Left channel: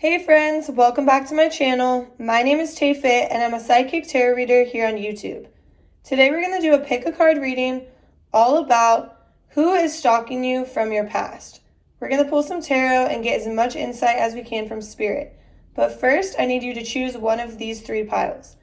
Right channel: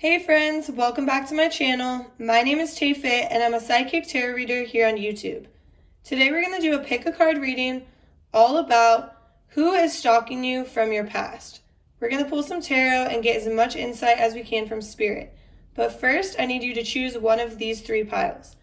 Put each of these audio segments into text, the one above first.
Hey friends, welcome back to my channel. My name is TAYFIT and I'm a psychic tarot reader here on YouTube. Today we're going to do a pick a card reading all about who is stalking you from your past. We're going to pull some tarot and get as much insight as we can from spirit. But first, I need you to choose one of these three piles.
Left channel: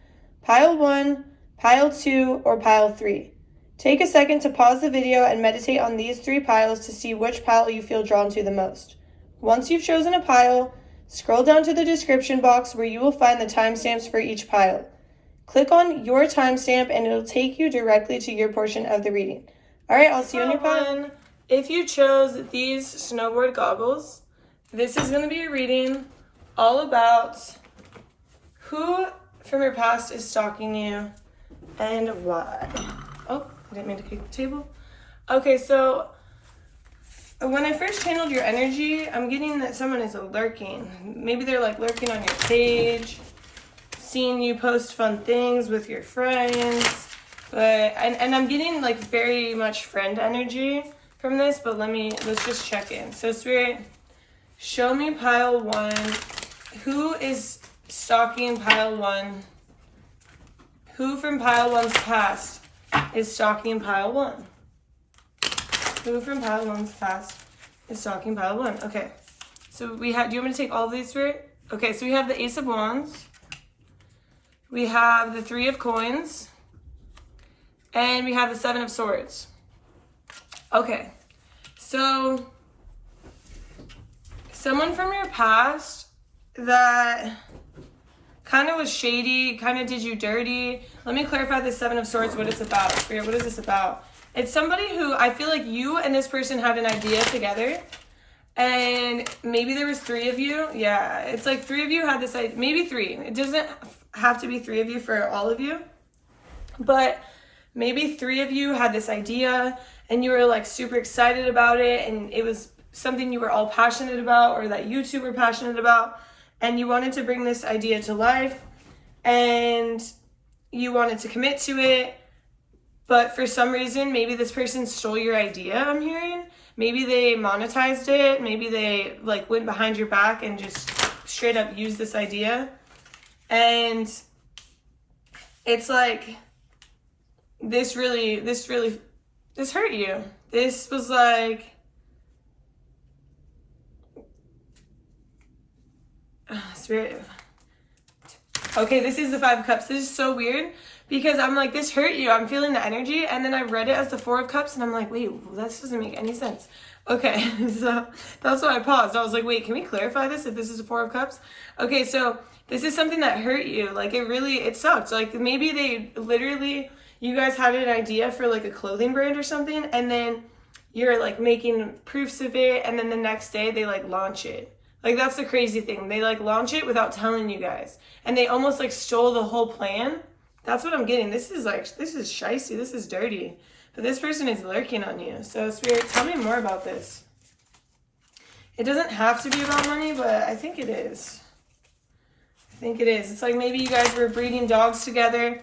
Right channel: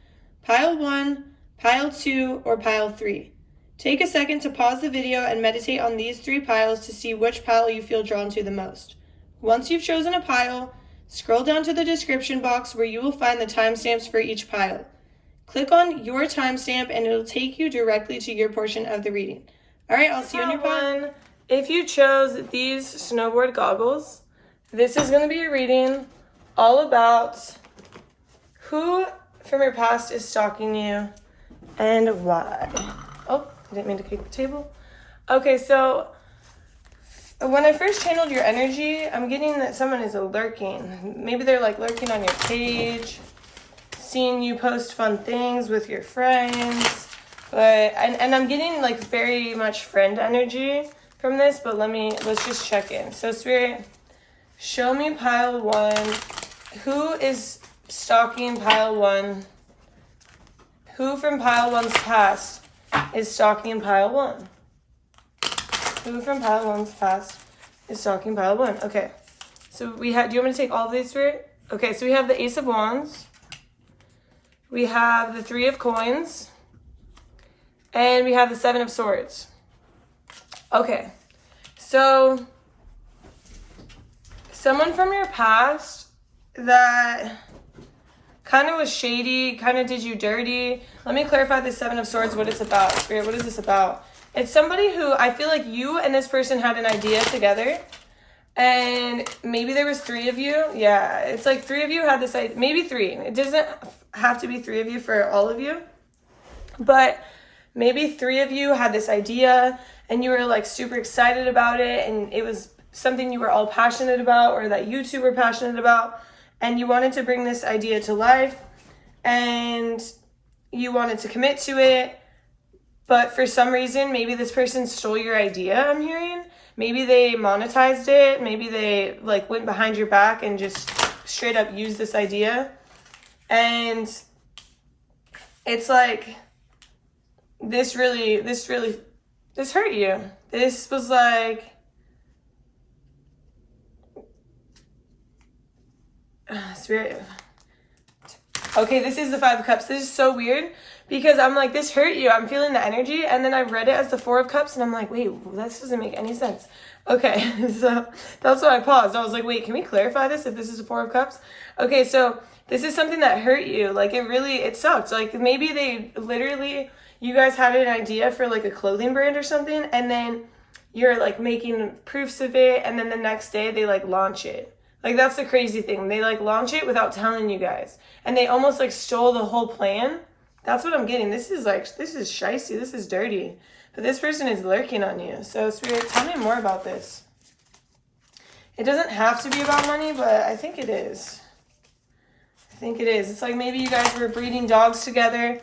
Pile 1, Pile 2, or Pile 3. Take a second to pause the video and meditate on these three piles to see which pile you feel drawn to the most. Once you've chosen a pile, scroll down to the description box where you will find the timestamps for each pile. Click on your timestamp and it'll take you directly to your portion of the reading. All right, I'll see you on your pile. If you chose these snowboard goggles, this is going to be a reading all about who from your past is stalking you and why. Oh, I didn't mean to kick the table. Okay, so when I first channeled your energy, I'm getting that someone is lurking. Maybe they're like lurking on your page, seeing you post fun things with your friends. And I'm getting like very much friend energy from this, but let's just check in. So Spirit, show me pile 1. Who is stalking pile 1? Who from pile 1's past is stalking pile 1? Who from pile 1's past is stalking pile 1? Okay. So do you want me to take all of these, Spirit? Okay, so we have the Ace of Wands. We have the 3 of Coins. And we have the 7 of Swords. Okay. So someone from your past that kind of was shady, kind of did you dirty. Let me clarify the 7 of Swords, what it's about. Spirit, what is this about? It's somebody who I feel like you and this person had an idea together, and maybe there was 3 of you. Yeah, it's like 3 of you had this idea, maybe 3. It doesn't have to be 3 of you for all of you, but maybe 3 of you had this idea and you were like super excited about it, and it was something you were all passionate about, or that you two were passionate about, and you wanted to bring this idea to life and you wanted to commit to it. But for some reason, maybe this person stole your idea, I'm hearing. Maybe they monetized it. Maybe they like went behind your back and just straight up used this idea. And it's like, this hurt you. This was like, Spirit. Okay, this is the 5 of Cups. This is so weird because I'm like, this hurt you. I'm feeling the energy. And then I read it as the 4 of Cups and I'm like, wait, this doesn't make any sense. Okay, so that's why I paused. I was like, wait, can we clarify this if this is a 4 of Cups? Okay, so this is something that hurt you. Like it sucked. Like maybe you guys had an idea for like a clothing brand or something, and then you're like making proofs of it, and then the next day they like launch it. Like, that's the crazy thing. They like launch it without telling you guys. And they almost like stole the whole plan. That's what I'm getting. This is shicey. This is dirty. But this person is lurking on you. So Spirit, tell me more about this. It doesn't have to be about money, but I think it is. It's like maybe you guys were breeding dogs together.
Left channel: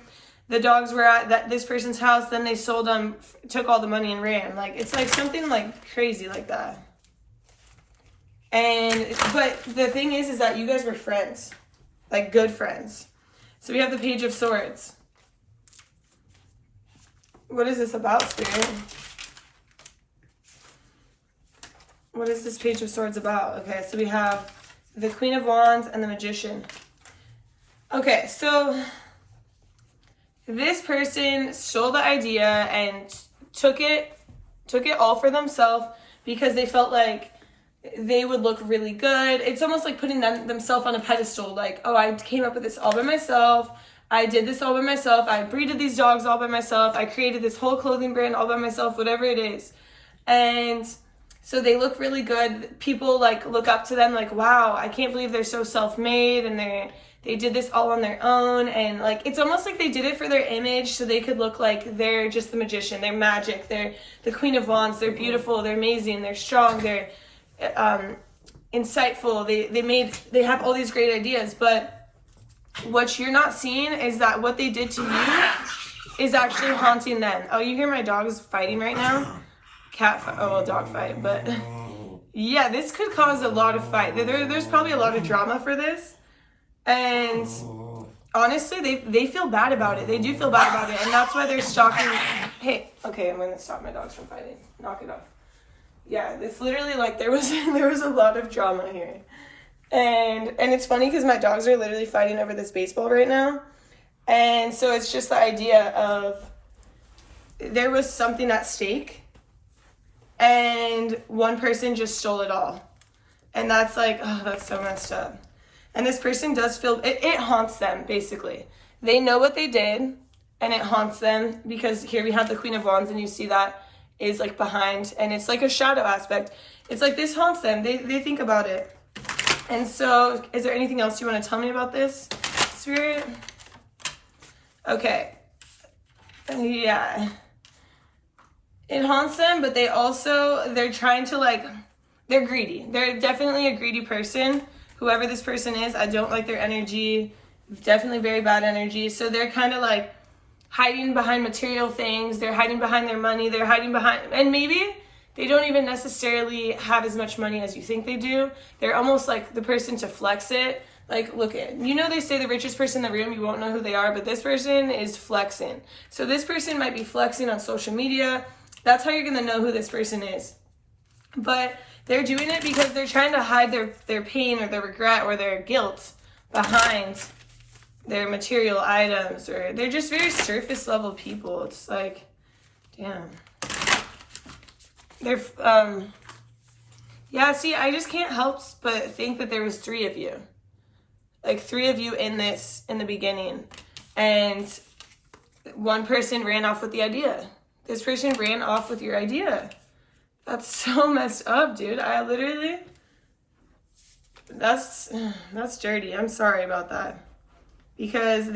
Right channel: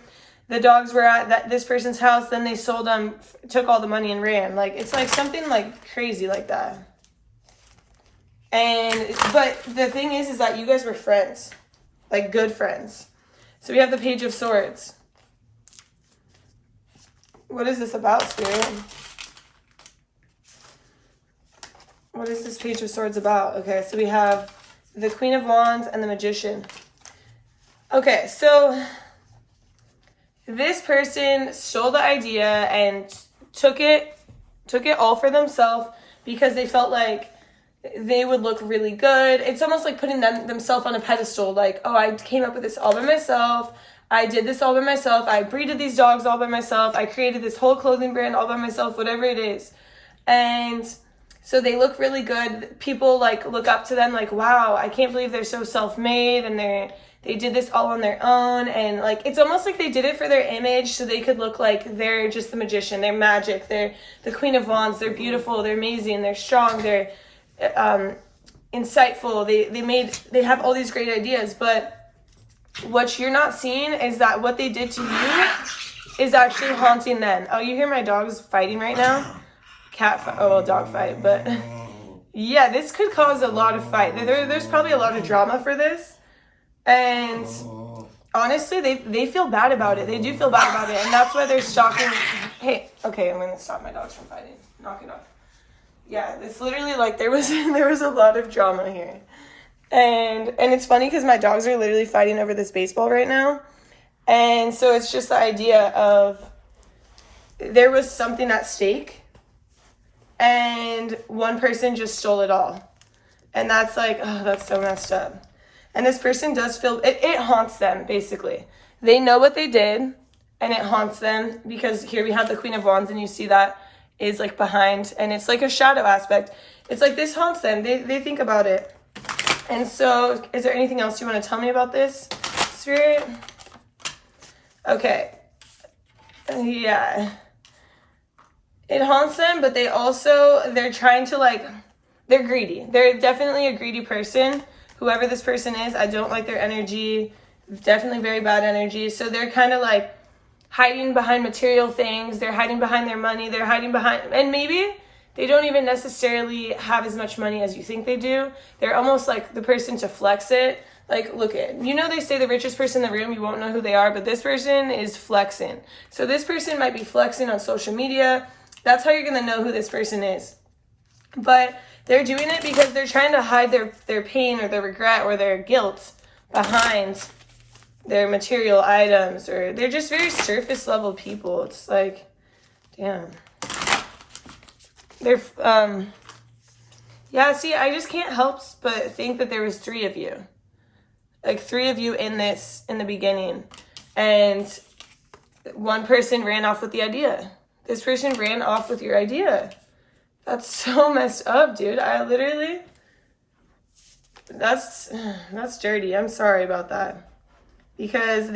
The dogs were at this person's house. Then they sold them, took all the money and ran. Like, it's like something like crazy like that. But the thing is that you guys were friends, like good friends. So we have the Page of Swords. What is this about, Spirit? What is this Page of Swords about? Okay, so we have the Queen of Wands and the Magician. Okay, so this person stole the idea and took it all for themselves because they felt like they would look really good. It's almost like putting themselves on a pedestal. Like, oh, I came up with this all by myself. I did this all by myself. I breeded these dogs all by myself. I created this whole clothing brand all by myself, whatever it is. And so they look really good. People like look up to them like, wow, I can't believe they're so self-made and they did this all on their own. And like, it's almost like they did it for their image so they could look like they're just the magician. They're magic. They're the Queen of Wands. They're beautiful. They're amazing. They're strong. They're insightful. They have all these great ideas, but what you're not seeing is that what they did to you is actually haunting them. Oh, you hear my dogs fighting right now? Dog fight, but Yeah, this could cause a lot of fight. There's probably a lot of drama for this. And honestly, they feel bad about it. They do feel bad about it. And that's why they're stalking. Hey, okay, I'm going to stop my dogs from fighting. Knock it off. Yeah, it's literally like there was a lot of drama here. And it's funny because my dogs are literally fighting over this baseball right now. And so it's just the idea of there was something at stake. And one person just stole it all. And that's like, oh, that's so messed up. And this person does feel, it haunts them, basically. They know what they did, and it haunts them, because here we have the Queen of Wands, and you see that is like behind, and it's like a shadow aspect. It's like this haunts them. They think about it. And so, is there anything else you want to tell me about this, Spirit? Okay. Yeah. It haunts them, but they're trying to like, they're greedy. They're definitely a greedy person. Whoever this person is, I don't like their energy. Definitely very bad energy. So they're kind of like hiding behind material things. They're hiding behind their money. They're hiding behind, and maybe they don't even necessarily have as much money as you think they do. They're almost like the person to flex it. Like, look at, they say the richest person in the room, you won't know who they are, but this person is flexing. So this person might be flexing on social media. That's how you're going to know who this person is. But they're doing it because they're trying to hide their pain or their regret or their guilt behind their material items, or they're just very surface level people. It's like, damn. They're, yeah, see, I just can't help but think that there was 3 of you. Like 3 of you in the beginning. And one person ran off with the idea. This person ran off with your idea. That's so messed up, dude. I literally, that's dirty. I'm sorry about that. Because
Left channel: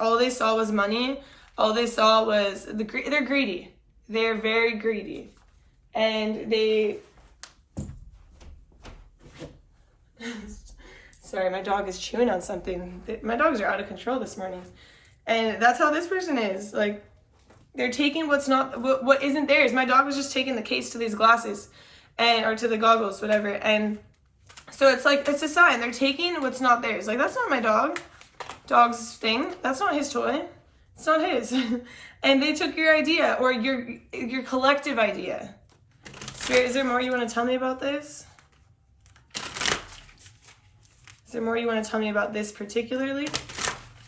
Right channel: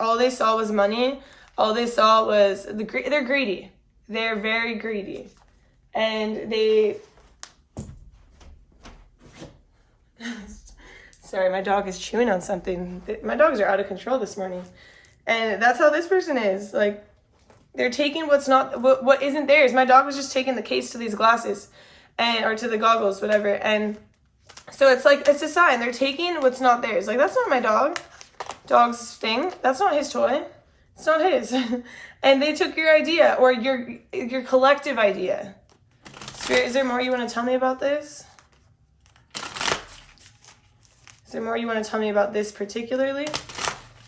all they saw was money. All they saw was, they're greedy. They're very greedy. And sorry, my dog is chewing on something. My dogs are out of control this morning. And that's how this person is. Like, they're taking what isn't theirs. My dog was just taking the case to these glasses, or to the goggles, whatever. And so it's like, it's a sign. They're taking what's not theirs. Like, that's not my dog's thing. That's not his toy. It's not his. And they took your idea, or your collective idea. So is there more you want to tell me about this? Is there more you want to tell me about this particularly?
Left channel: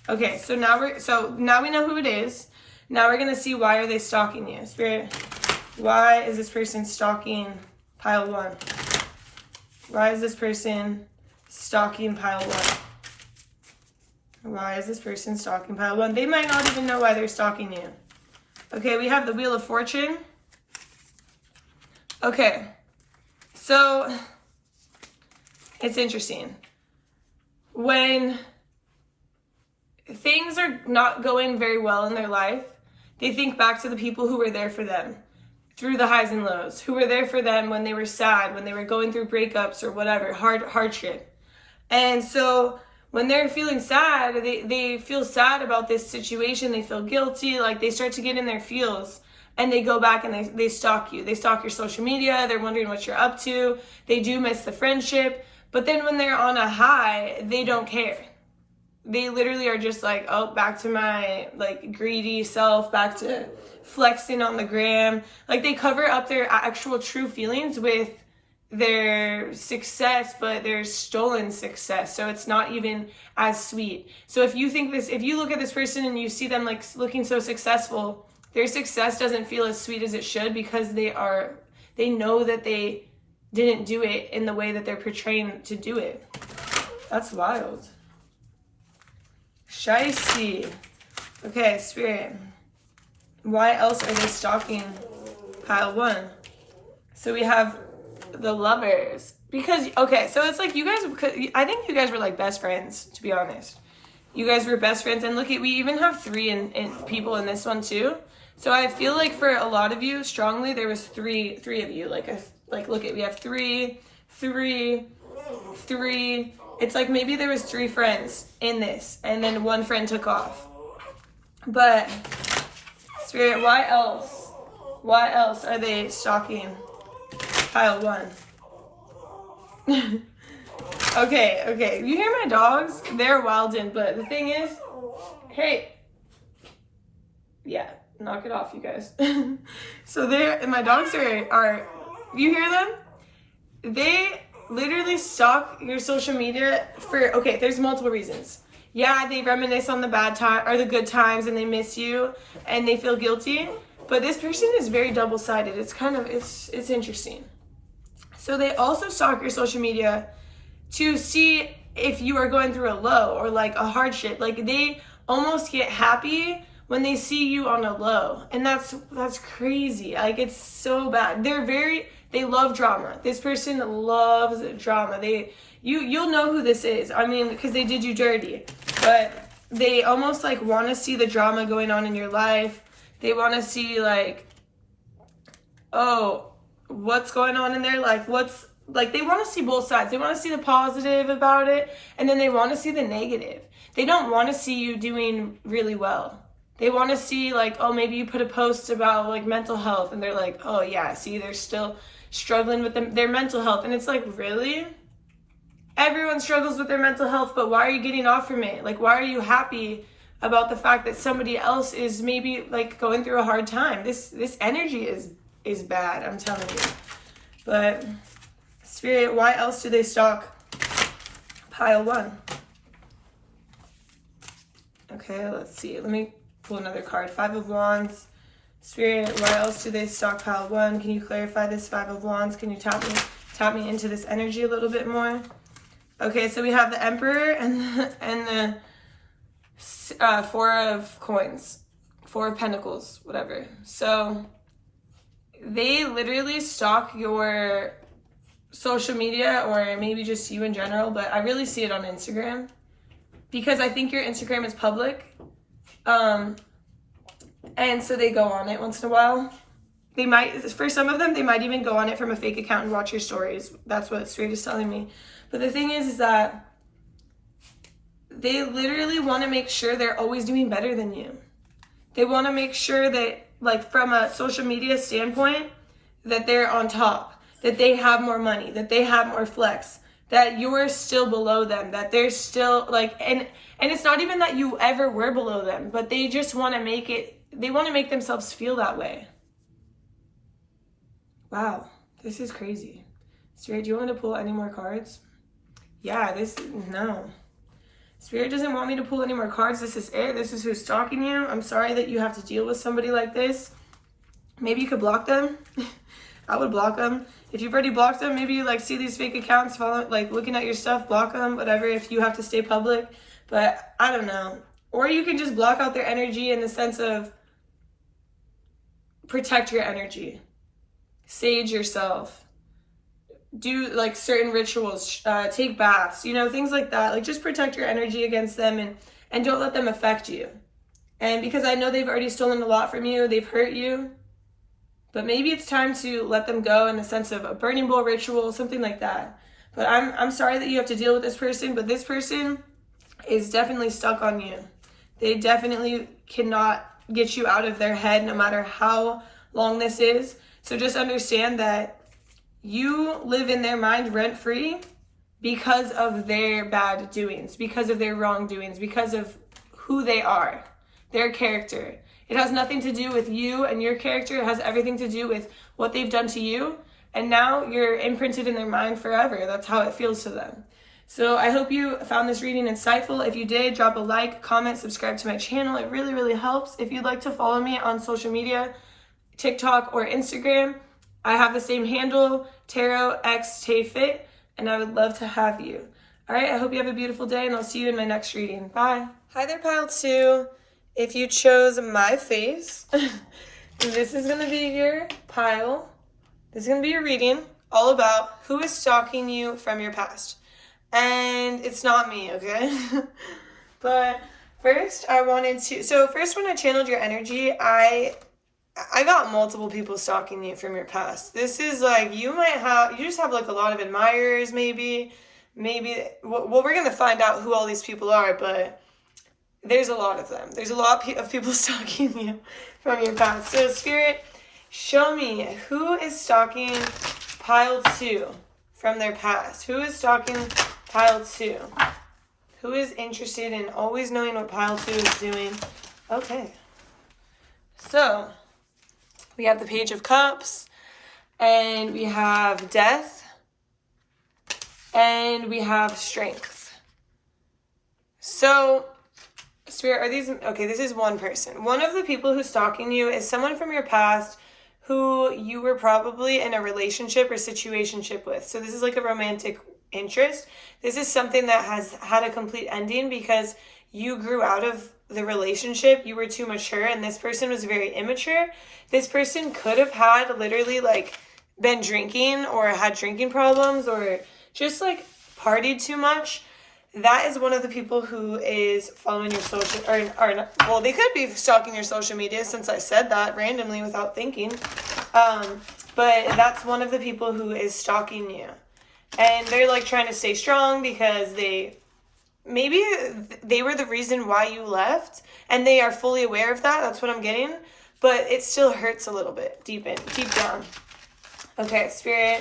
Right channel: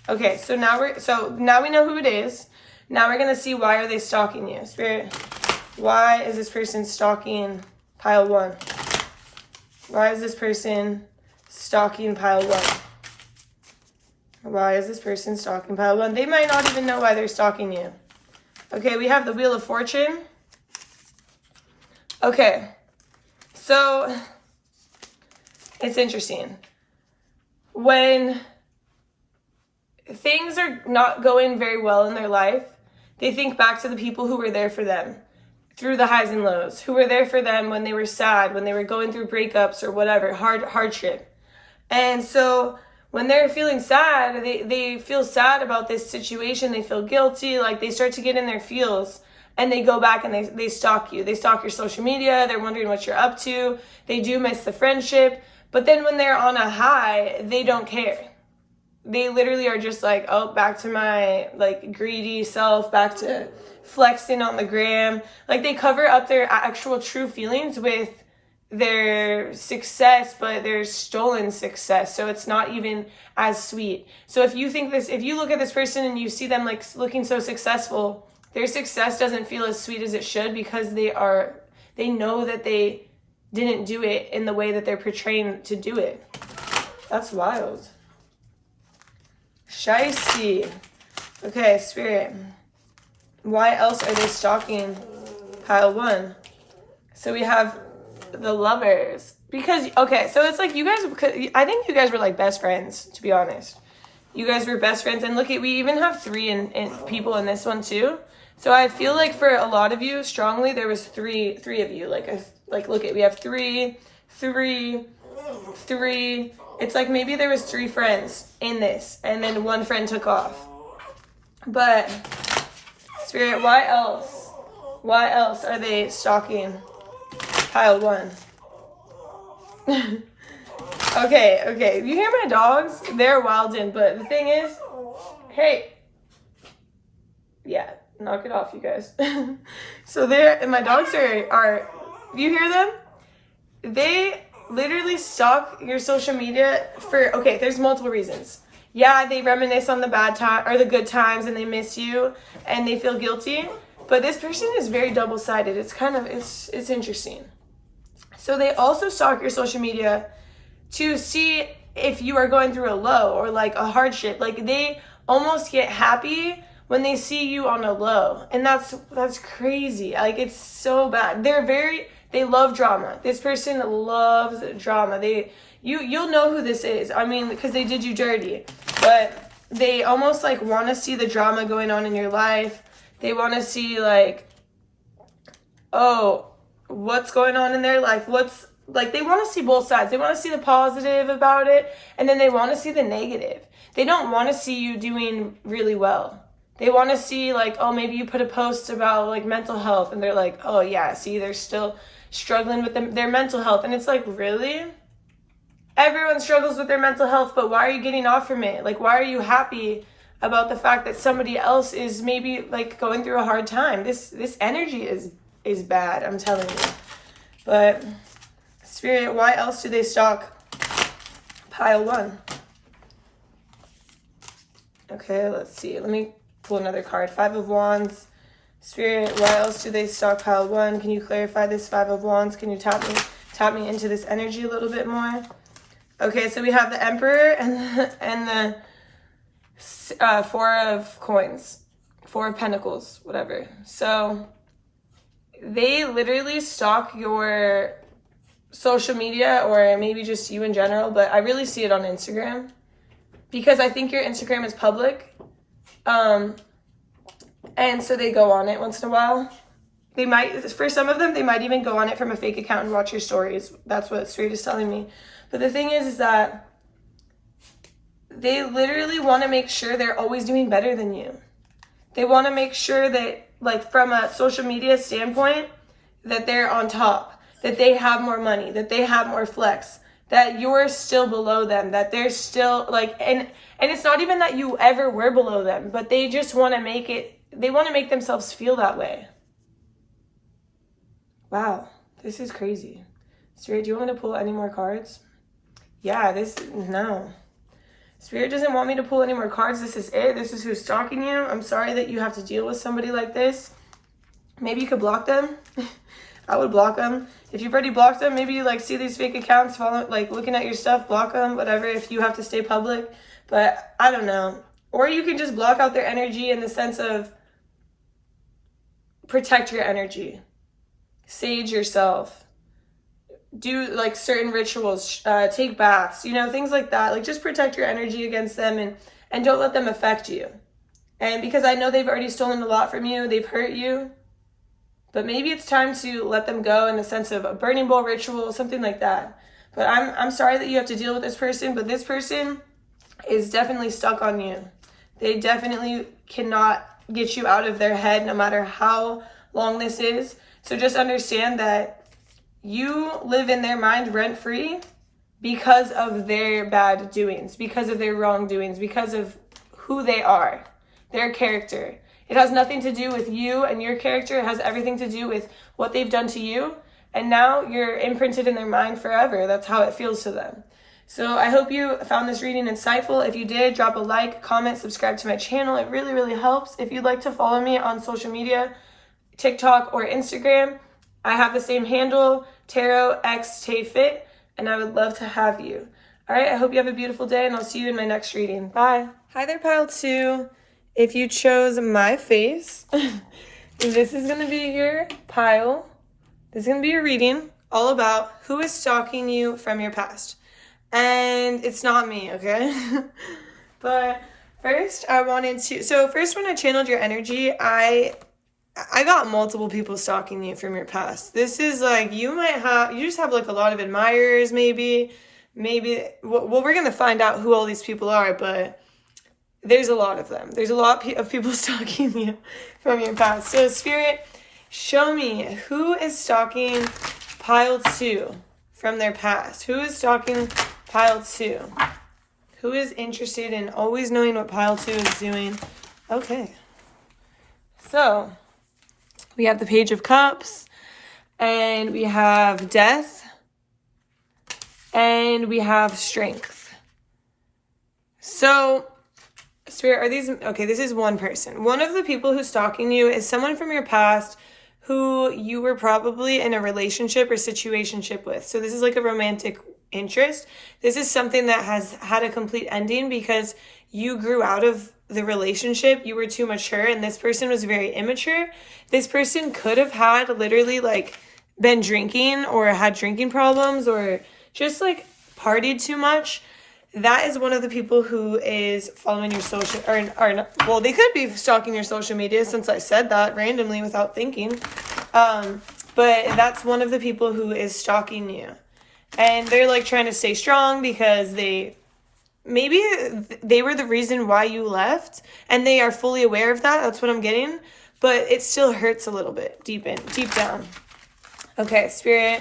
Okay, so now we know who it is. Now we're going to see, why are they stalking you? Spirit, why is this person stalking pile 1? Why is this person stalking pile 1? Why is this person stalking pile 1? They might not even know why they're stalking you. Okay, we have the Wheel of Fortune. Okay, so it's interesting. When things are not going very well in their life, they think back to the people who were there for them through the highs and lows, who were there for them when they were sad, when they were going through breakups or whatever, hardship. And so when they're feeling sad, they feel sad about this situation, they feel guilty, like they start to get in their feels, and they go back and they stalk you. They stalk your social media, they're wondering what you're up to, they do miss the friendship, but then when they're on a high, they don't care. They literally are just like, oh, back to my like greedy self, back to flexing on the gram. Like, they cover up their actual true feelings with their success, but their stolen success. So it's not even as sweet. So if you look at this person and you see them like looking so successful, their success doesn't feel as sweet as it should, because they know that they didn't do it in the way that they're portraying to do it. That's wild. Shicey. Okay, Spirit. Why else are they stalking pile 1? So we have the Lovers. Because, okay, so it's like I think you guys were like best friends, to be honest. You guys were best friends. And look, we even have 3 in people in this one too. So I feel like for a lot of you, strongly, there was three of you. Like look, we have 3. It's like maybe there was 3 friends in this, and then 1 friend took off. But Spirit, why else? Why else are they stalking pile 1? Okay. You hear my dogs? They're wildin', but the thing is, hey. Yeah, knock it off, you guys. So and my dogs are, you hear them? They literally stalk your social media for, okay, there's multiple reasons. Yeah, they reminisce on the bad time or the good times and they miss you and they feel guilty. But this person is very double-sided. It's kind of, it's interesting. So they also stalk your social media to see if you are going through a low or like a hardship. Like they almost get happy when they see you on a low. And that's crazy. Like it's so bad. They love drama. This person loves drama. You'll know who this is. I mean, because they did you dirty. But they almost like want to see the drama going on in your life. They want to see like, oh, what's going on in their life? They want to see both sides. They want to see the positive about it, and then they want to see the negative. They don't want to see you doing really well. They want to see like, oh, maybe you put a post about like mental health, and they're like, oh yeah, see, they're still struggling with their mental health. And it's like, really? Everyone struggles with their mental health, but why are you getting off from it? Like, why are you happy about the fact that somebody else is maybe like going through a hard time? This energy is bad, I'm telling you. But Spirit, why else do they stalk pile 1? Okay, let's see. Let me pull another card. 5 of Wands. Spirit, why else do they stalk pile 1? Can you clarify this 5 of Wands? Can you tap me into this energy a little bit more? Okay, so we have the Emperor and the 4 of Coins. 4 of Pentacles, whatever. So they literally stalk your social media, or maybe just you in general, but I really see it on Instagram because I think your Instagram is public. And so they go on it once in a while. They might, for some of them, they might even go on it from a fake account and watch your stories. That's what Spirit is telling me. But the thing is that they literally want to make sure they're always doing better than you. They want to make sure that, like, from a social media standpoint, that they're on top, that they have more money, that they have more flex, that you're still below them, that they're still like, and it's not even that you ever were below them, but they just want to make themselves feel that way. Wow, this is crazy. Spirit, do you want me to pull any more cards? Yeah, no. Spirit doesn't want me to pull any more cards. This is it. This is who's stalking you. I'm sorry that you have to deal with somebody like this. Maybe you could block them. I would block them. If you've already blocked them, maybe you like see these fake accounts, like looking at your stuff, block them, whatever, if you have to stay public. But I don't know. Or you can just block out their energy in the sense of protect your energy. Sage yourself. Do like certain rituals, take baths, things like that. Like just protect your energy against them and don't let them affect you. And because I know they've already stolen a lot from you, they've hurt you. But maybe it's time to let them go in the sense of a burning bowl ritual, something like that. But I'm sorry that you have to deal with this person, but this person is definitely stuck on you. They definitely cannot get you out of their head no matter how long this is. So just understand that you live in their mind rent-free because of their bad doings, because of their wrongdoings, because of who they are, their character. It has nothing to do with you and your character. It has everything to do with what they've done to you. And now you're imprinted in their mind forever. That's how it feels to them. So I hope you found this reading insightful. If you did, drop a like, comment, subscribe to my channel. It really, really helps. If you'd like to follow me on social media, TikTok or Instagram, I have the same handle, TarotXTayFit, and I would love to have you. All right, I hope you have a beautiful day, and I'll see you in my next reading. Bye. Hi there, pile 2. If you chose my face, this is going to be your pile. This is going to be your reading all about who is stalking you from your past. And it's not me, okay? But first when I channeled your energy, I got multiple people stalking you from your past. This is like, you just have like a lot of admirers, maybe, well, we're going to find out who all these people are, but there's a lot of them. There's a lot of people stalking you from your past. So Spirit, show me who is stalking pile 2 from their past? Who is stalking pile 2? Who is interested in always knowing what pile 2 is doing? Okay. So, we have the Page of Cups, and we have Death, and we have Strength. So, Spirit, are these, okay, this is one person. One of the people who's stalking you is someone from your past who you were probably in a relationship or situationship with. So this is like a romantic interest. This is something that has had a complete ending because you grew out of the relationship. You were too mature, and this person was very immature. This person could have had literally like been drinking or had drinking problems or just like partied too much. That is one of the people who is following your social, well, they could be stalking your social media since I said that randomly without thinking. But that's one of the people who is stalking you. And they're like trying to stay strong because maybe they were the reason why you left and they are fully aware of that. That's what I'm getting. But it still hurts a little bit deep down. Okay, Spirit,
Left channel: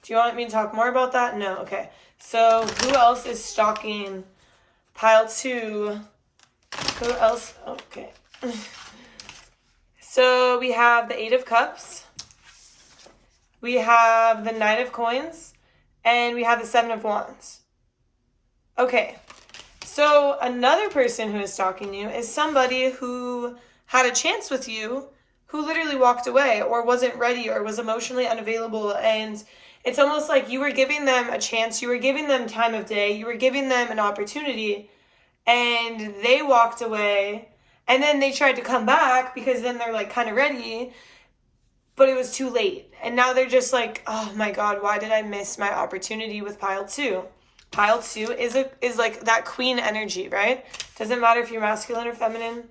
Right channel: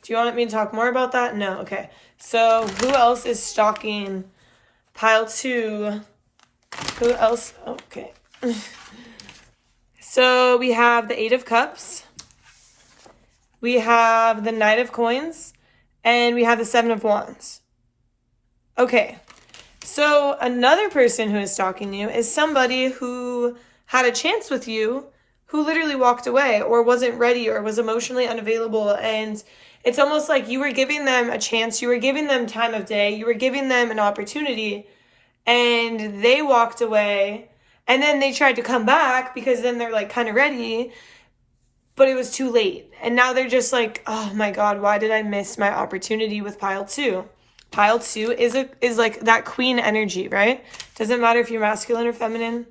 do you want me to talk more about that? No, okay. So who else is stalking pile 2? Who else? Okay. So we have the 8 of Cups. We have the Knight of Coins. And we have the 7 of Wands. Okay. So another person who is stalking you is somebody who had a chance with you who literally walked away or wasn't ready or was emotionally unavailable, and it's almost like you were giving them a chance, you were giving them time of day, you were giving them an opportunity, and they walked away, and then they tried to come back because then they're like kind of ready, but it was too late. And now they're just like, oh my God, why did I miss my opportunity with pile 2? Pile 2 is like that queen energy, right? Doesn't matter if you're masculine or feminine.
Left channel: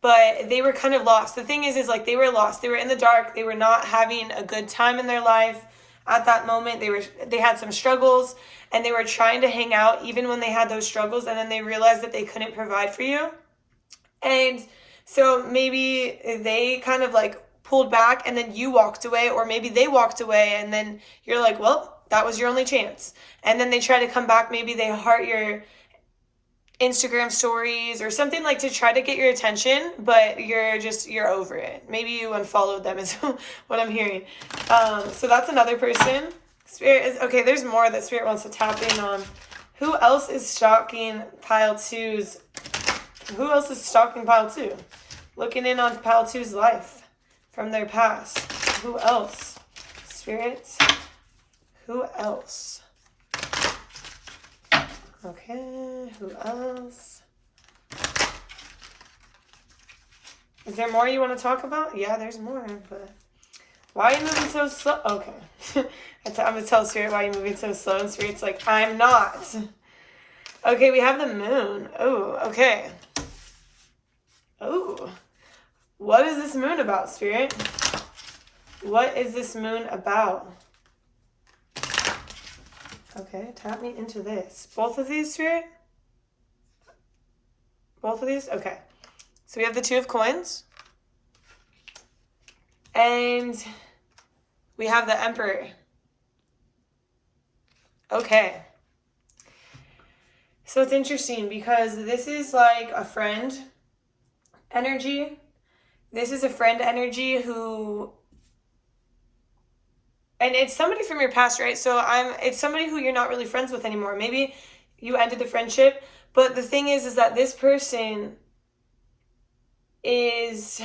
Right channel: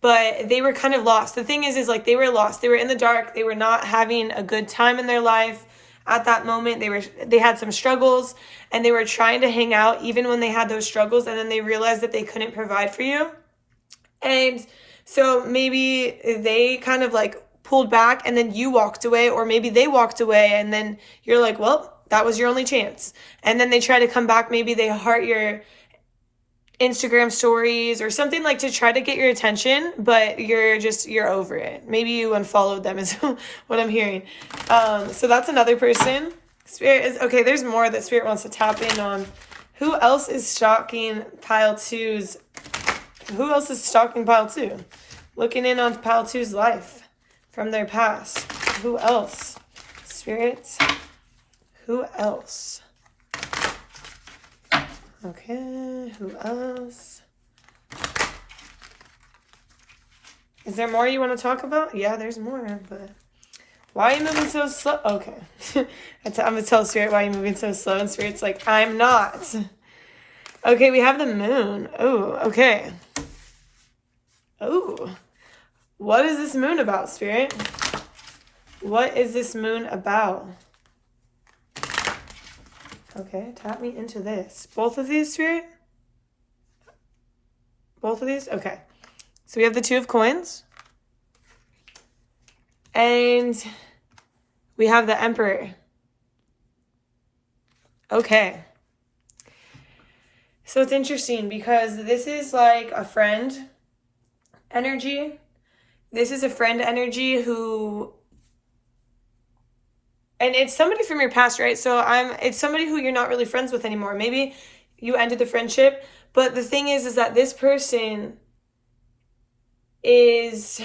But they were kind of lost. The thing is like they were lost. They were in the dark. They were not having a good time in their life at that moment. They had some struggles, and they were trying to hang out even when they had those struggles, and then they realized that they couldn't provide for you. And so maybe they kind of like pulled back, and then you walked away, or maybe they walked away, and then you're like, well, that was your only chance. And then they try to come back. Maybe they heart your Instagram stories or something like to try to get your attention, but you're over it. Maybe you unfollowed them is what I'm hearing. So that's another person. Spirit is, okay, there's more that Spirit wants to tap in on. Who else is stalking pile 2's? Who else is stalking pile 2? Looking in on pile 2's life from their past. Who else? Spirits. Who else? Okay, who else? Is there more you want to talk about? Yeah, there's more, but why are you moving so slow? Okay. I'm going to tell Spirit why you're moving so slow, and Spirit's like, I'm not. Okay, we have the moon. Oh, okay. Oh, what is this moon about, Spirit? What is this moon about? Okay, tap me into this. Both of these, Spirit? Both of these? Okay. So we have the 2 of Coins. And we have the Emperor. Okay. So it's interesting because this is like a friend energy. This is a friend energy who... And it's somebody from your past, right? So it's somebody who you're not really friends with anymore. Maybe you ended the friendship. But the thing is that this person is...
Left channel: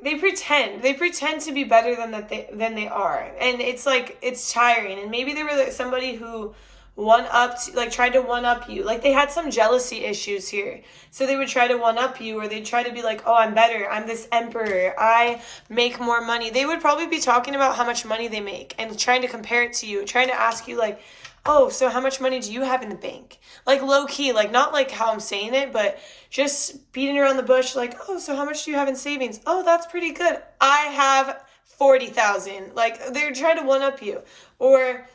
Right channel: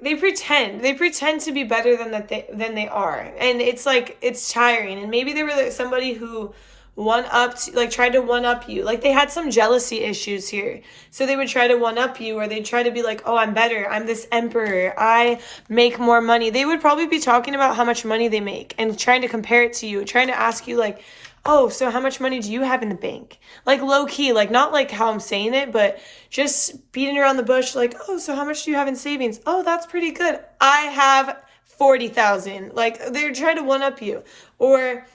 They pretend to be better than they are. And it's like, it's tiring. And maybe they were like somebody who tried to one-up you. Like they had some jealousy issues here. So they would try to one-up you, or they'd try to be like, oh, I'm better. I'm this emperor. I make more money. They would probably be talking about how much money they make and trying to compare it to you, trying to ask you like, oh, so how much money do you have in the bank? Like low key, like not like how I'm saying it, but just beating around the bush like, oh, so how much do you have in savings? Oh, that's pretty good. I have 40,000. Like they're trying to one-up you. Or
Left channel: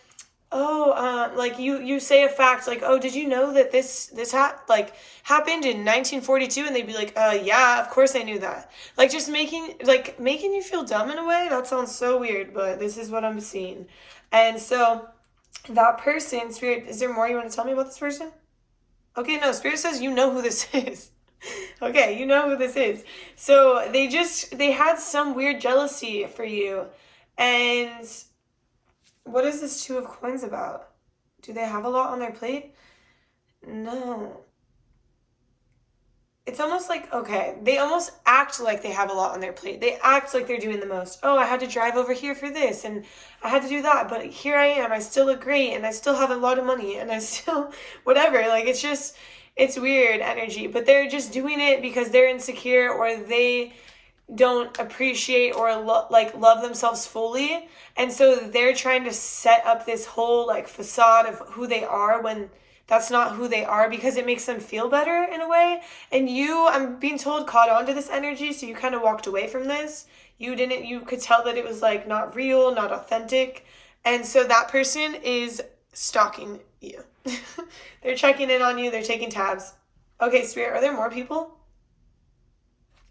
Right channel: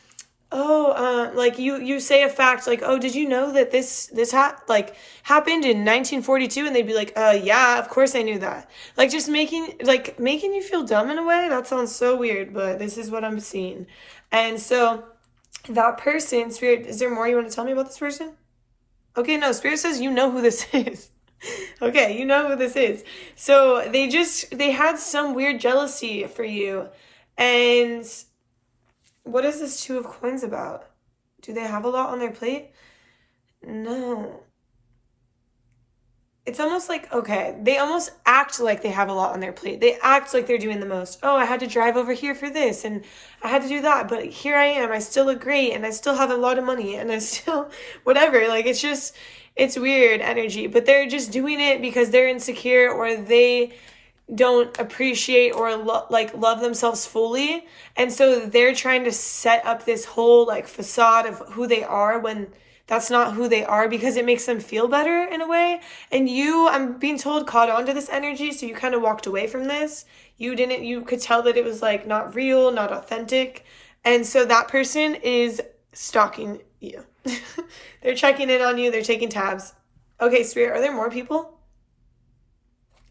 like you say a fact, like, oh, did you know that this happened in 1942? And they'd be like, yeah, of course I knew that. Like, just making you feel dumb in a way. That sounds so weird, but this is what I'm seeing. And so that person, Spirit, is there more you want to tell me about this person? Okay, no, Spirit says you know who this is. Okay, you know who this is. So they had some weird jealousy for you. And what is this Two of Coins about? Do they have a lot on their plate? No. It's almost like, okay, they almost act like they have a lot on their plate. They act like they're doing the most. Oh, I had to drive over here for this, and I had to do that, but here I am. I still look great, and I still have a lot of money, and I still, whatever. Like, it's weird energy, but they're just doing it because they're insecure, or they don't appreciate or love themselves fully. And so they're trying to set up this whole like facade of who they are when that's not who they are, because it makes them feel better in a way. And I'm being told, caught on to this energy, so you kind of walked away from this. You could tell that it was like not real, not authentic. And so that person is stalking you. They're checking in on you, they're taking tabs. Okay, Spirit, are there more people?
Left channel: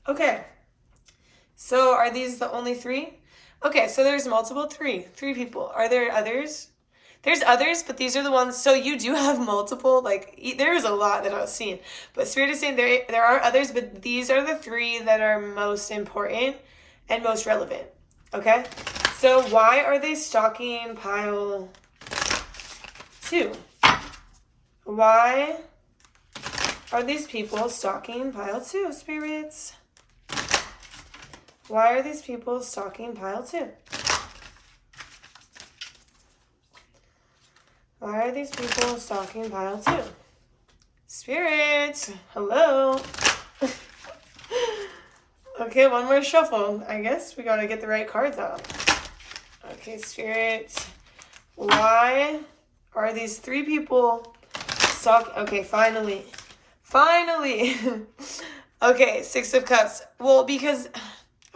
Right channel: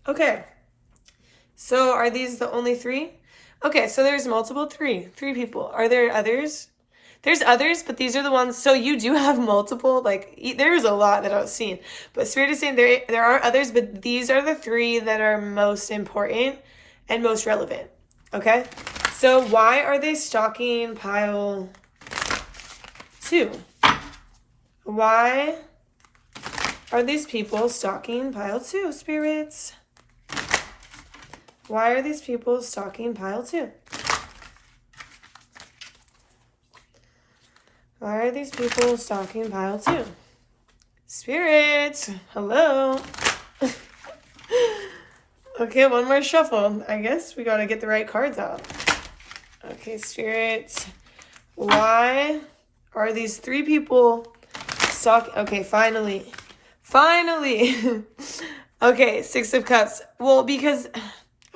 Okay. So are these the only three? Okay, so there's multiple three people. Are there others? There's others, but these are the ones. So you do have multiple, like there's a lot that I was seeing. But Spirit is saying there are others, but these are the three that are most important and most relevant. Okay? So why are they stalking pile 2? Why are these people stalking pile 2, spirits? Why are these people stalking pile 2? Why are these people stalking pile 2? Spirits, hello. Okay, one more shuffle. I guess we gotta get the right cards out. Okay, spirits. Why are these 3 people stalking? Okay, finally. Okay, 6 of Cups. Well, because,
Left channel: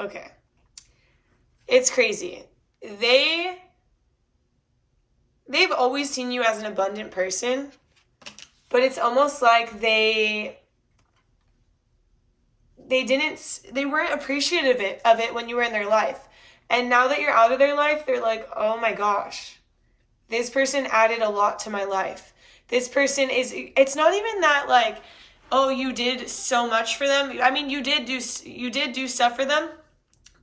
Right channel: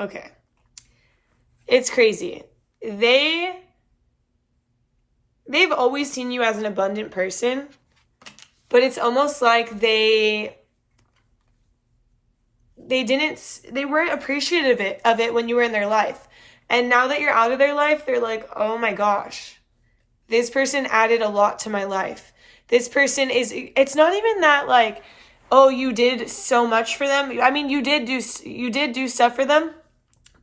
okay. It's crazy. They've always seen you as an abundant person, but it's almost like they weren't appreciative of it when you were in their life. And now that you're out of their life, they're like, oh my gosh, this person added a lot to my life. This person it's not even that like, oh, you did so much for them. I mean, you did do stuff for them,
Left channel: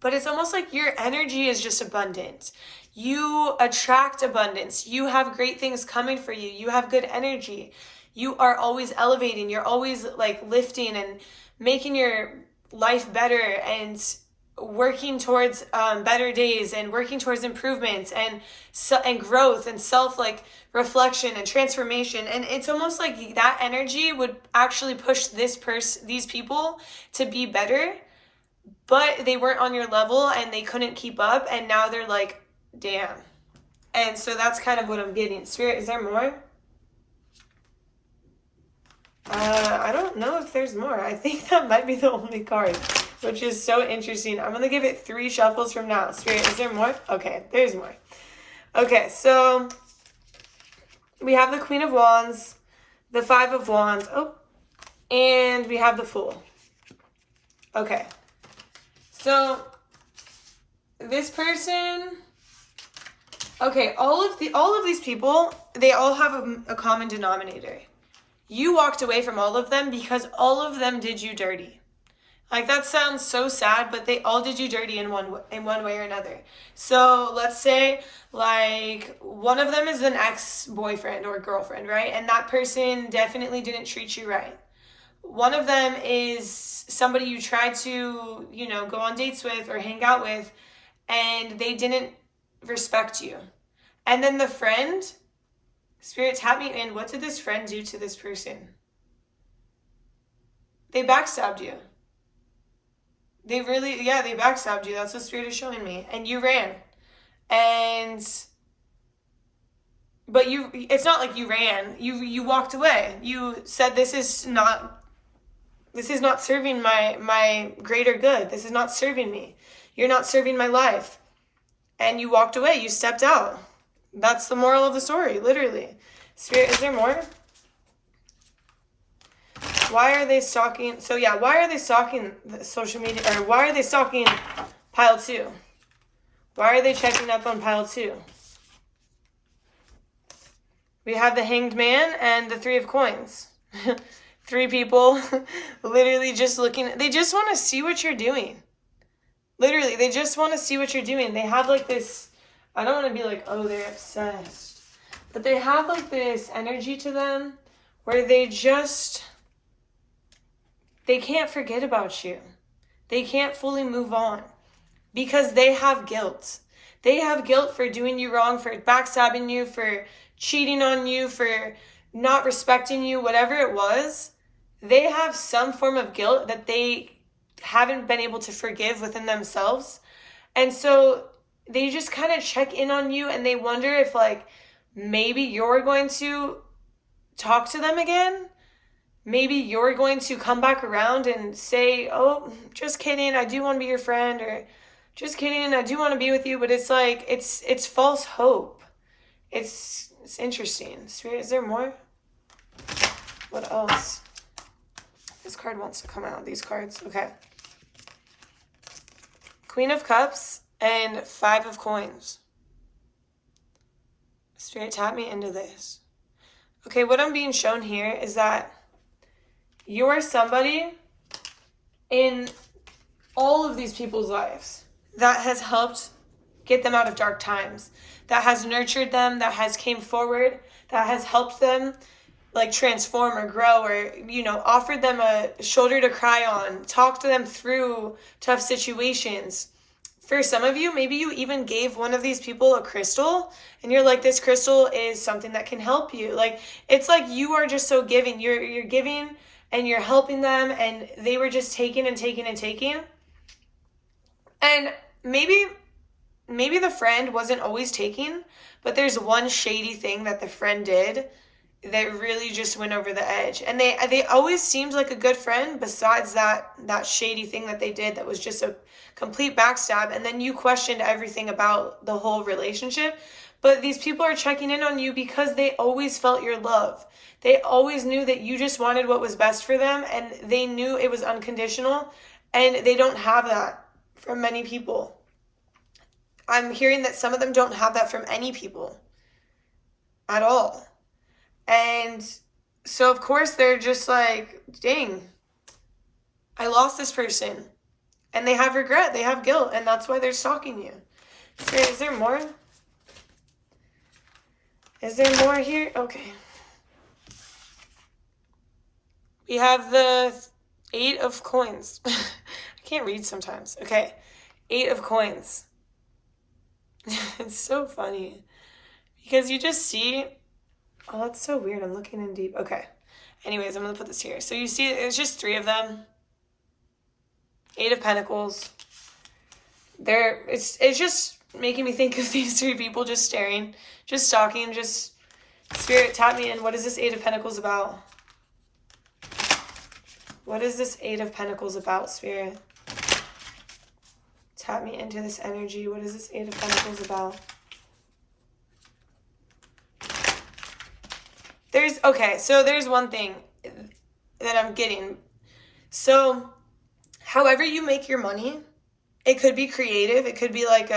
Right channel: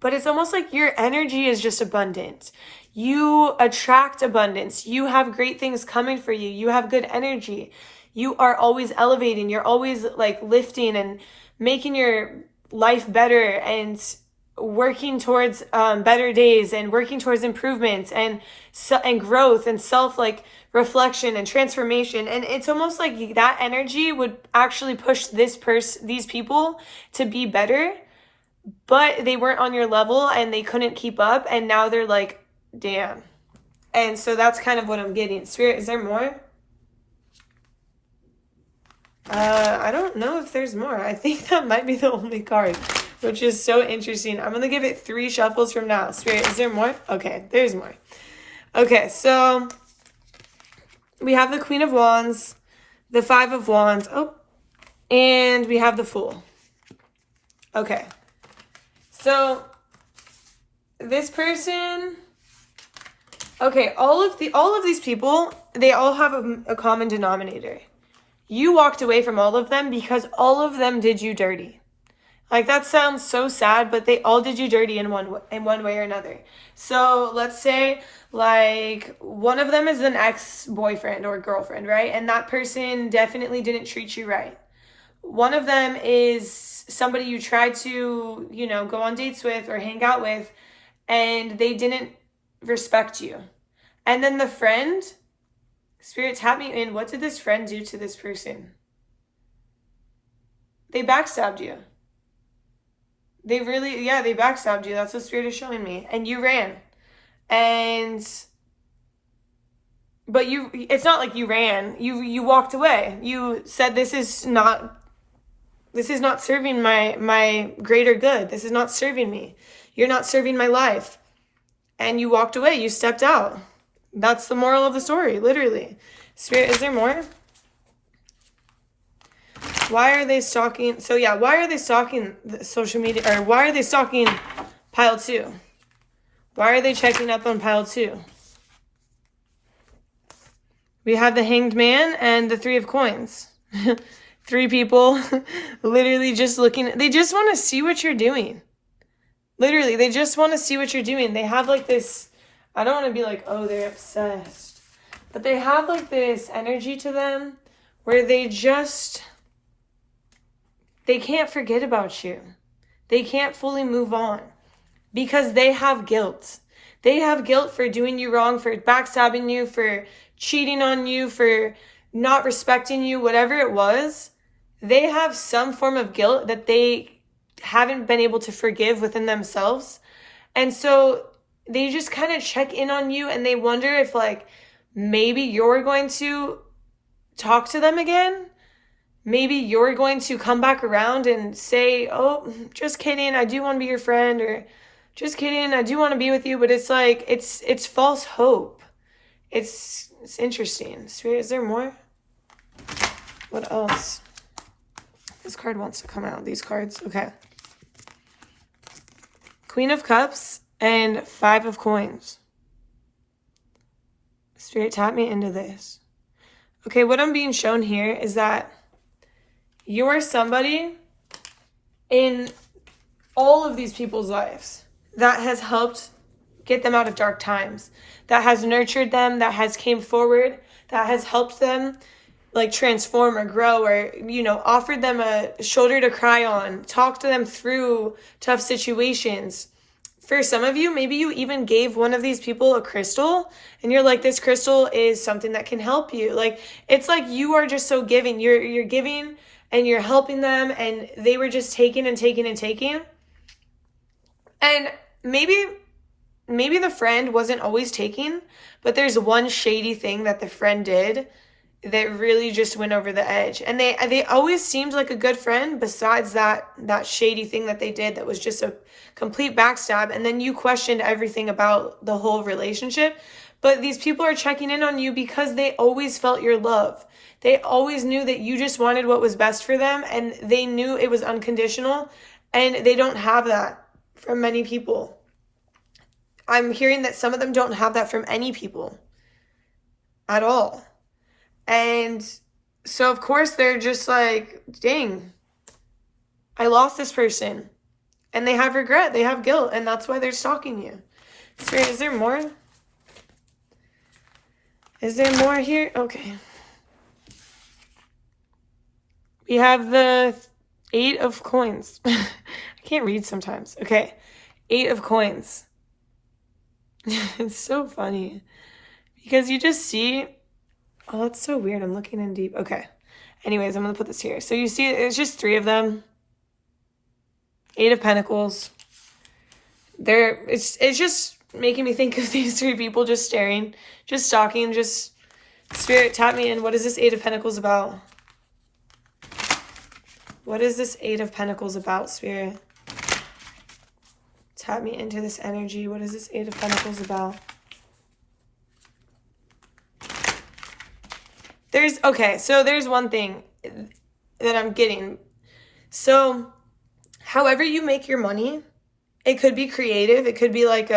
but it's almost like your energy is just abundant. You attract abundance. You have great things coming for you. You have good energy. You are always elevating. You're always like lifting and making your life better and working towards better days and working towards improvements and growth and self like reflection and transformation. And it's almost like that energy would actually push these people to be better, but they weren't on your level and they couldn't keep up, and now they're like, damn. And so that's kind of what I'm getting. Spirit, is there more? I don't know if there's more. I think that might be the only card, which is so interesting. I'm going to give it 3 shuffles from now. Spirit, is there more? Okay, there's more. Okay, so we have the Queen of Wands, the 5 of Wands, and we have the Fool. Okay. So this person, okay, all of these people, they all have a common denominator. You walked away from all of them because all of them did you dirty. Like, that sounds so sad, but they all did you dirty in one way or another. So let's say like one of them is an ex-boyfriend or girlfriend, right? And that person definitely didn't treat you right. One of them is somebody you tried to, go on dates with or hang out with, and they didn't respect you. And then the friend, Spirit, tap me in. What did this friend do to this person? They backstabbed you. They backstabbed you. That's what Spirit is showing me. And you ran. But it's not like you ran. You walked away. You said, this is not serving my greater good. This is not serving me. You're not serving my life. And you walked away. You stepped out. That's the moral of the story, literally. Spirit, is there more? Why are they stalking? So yeah, why are they stalking the social media? Or why are they stalking pile 2? Why are they checking up on pile 2? We have the Hanged Man and the 3 of Coins. 3 people literally just looking. They just want to see what you're doing. Literally, they just want to see what you're doing. They have like this, I don't want to be like, oh, they're obsessed. But they have like this energy to them where they can't forget about you. They can't fully move on because they have guilt. They have guilt for doing you wrong, for backstabbing you, for cheating on you, for not respecting you, whatever it was. They have some form of guilt that they haven't been able to forgive within themselves. And so they just kind of check in on you and they wonder if like maybe you're going to talk to them again. Maybe you're going to come back around and say, oh, just kidding, I do want to be your friend, or just kidding, I do want to be with you. But it's like, it's false hope. It's interesting. Spirit, is there more? What else? This card wants to come out. These cards. Okay. Queen of Cups and 5 of Coins. Spirit, tap me into this. Okay, what I'm being shown here is that you're somebody in all of these people's lives that has helped get them out of dark times, that has nurtured them, that has came forward, that has helped them like transform or grow, or, you know, offered them a shoulder to cry on, talked to them through tough situations. For some of you, maybe you even gave one of these people a crystal and you're like, this crystal is something that can help you. Like, it's like you are just so giving. You're giving and you're helping them, and they were just taking and taking and taking. And maybe the friend wasn't always taking, but there's one shady thing that the friend did that really just went over the edge. And they always seemed like a good friend besides that shady thing that they did that was just a complete backstab. And then you questioned everything about the whole relationship. But these people are checking in on you because they always felt your love. They always knew that you just wanted what was best for them, and they knew it was unconditional. And they don't have that from many people. I'm hearing that some of them don't have that from any people at all. And so, of course, they're just like, dang, I lost this person. And they have regret. They have guilt. And that's why they're stalking you. So, is there more? Is there more here? Okay. We have the 8 of Coins. I can't read sometimes. Okay. 8 of Coins. It's so funny. Because you just see... Oh, that's so weird. I'm looking in deep. Okay. Anyways, I'm going to put this here. So you see, it's just 3 of them. 8 of Pentacles. It's just making me think of these 3 people just staring, just stalking, just... Spirit, tap me in. What is this 8 of Pentacles about? What is this 8 of Pentacles about, Spirit? Tap me into this energy. What is this 8 of Pentacles about? There's one thing that I'm getting. So, however you make your money, it could be creative. It could be like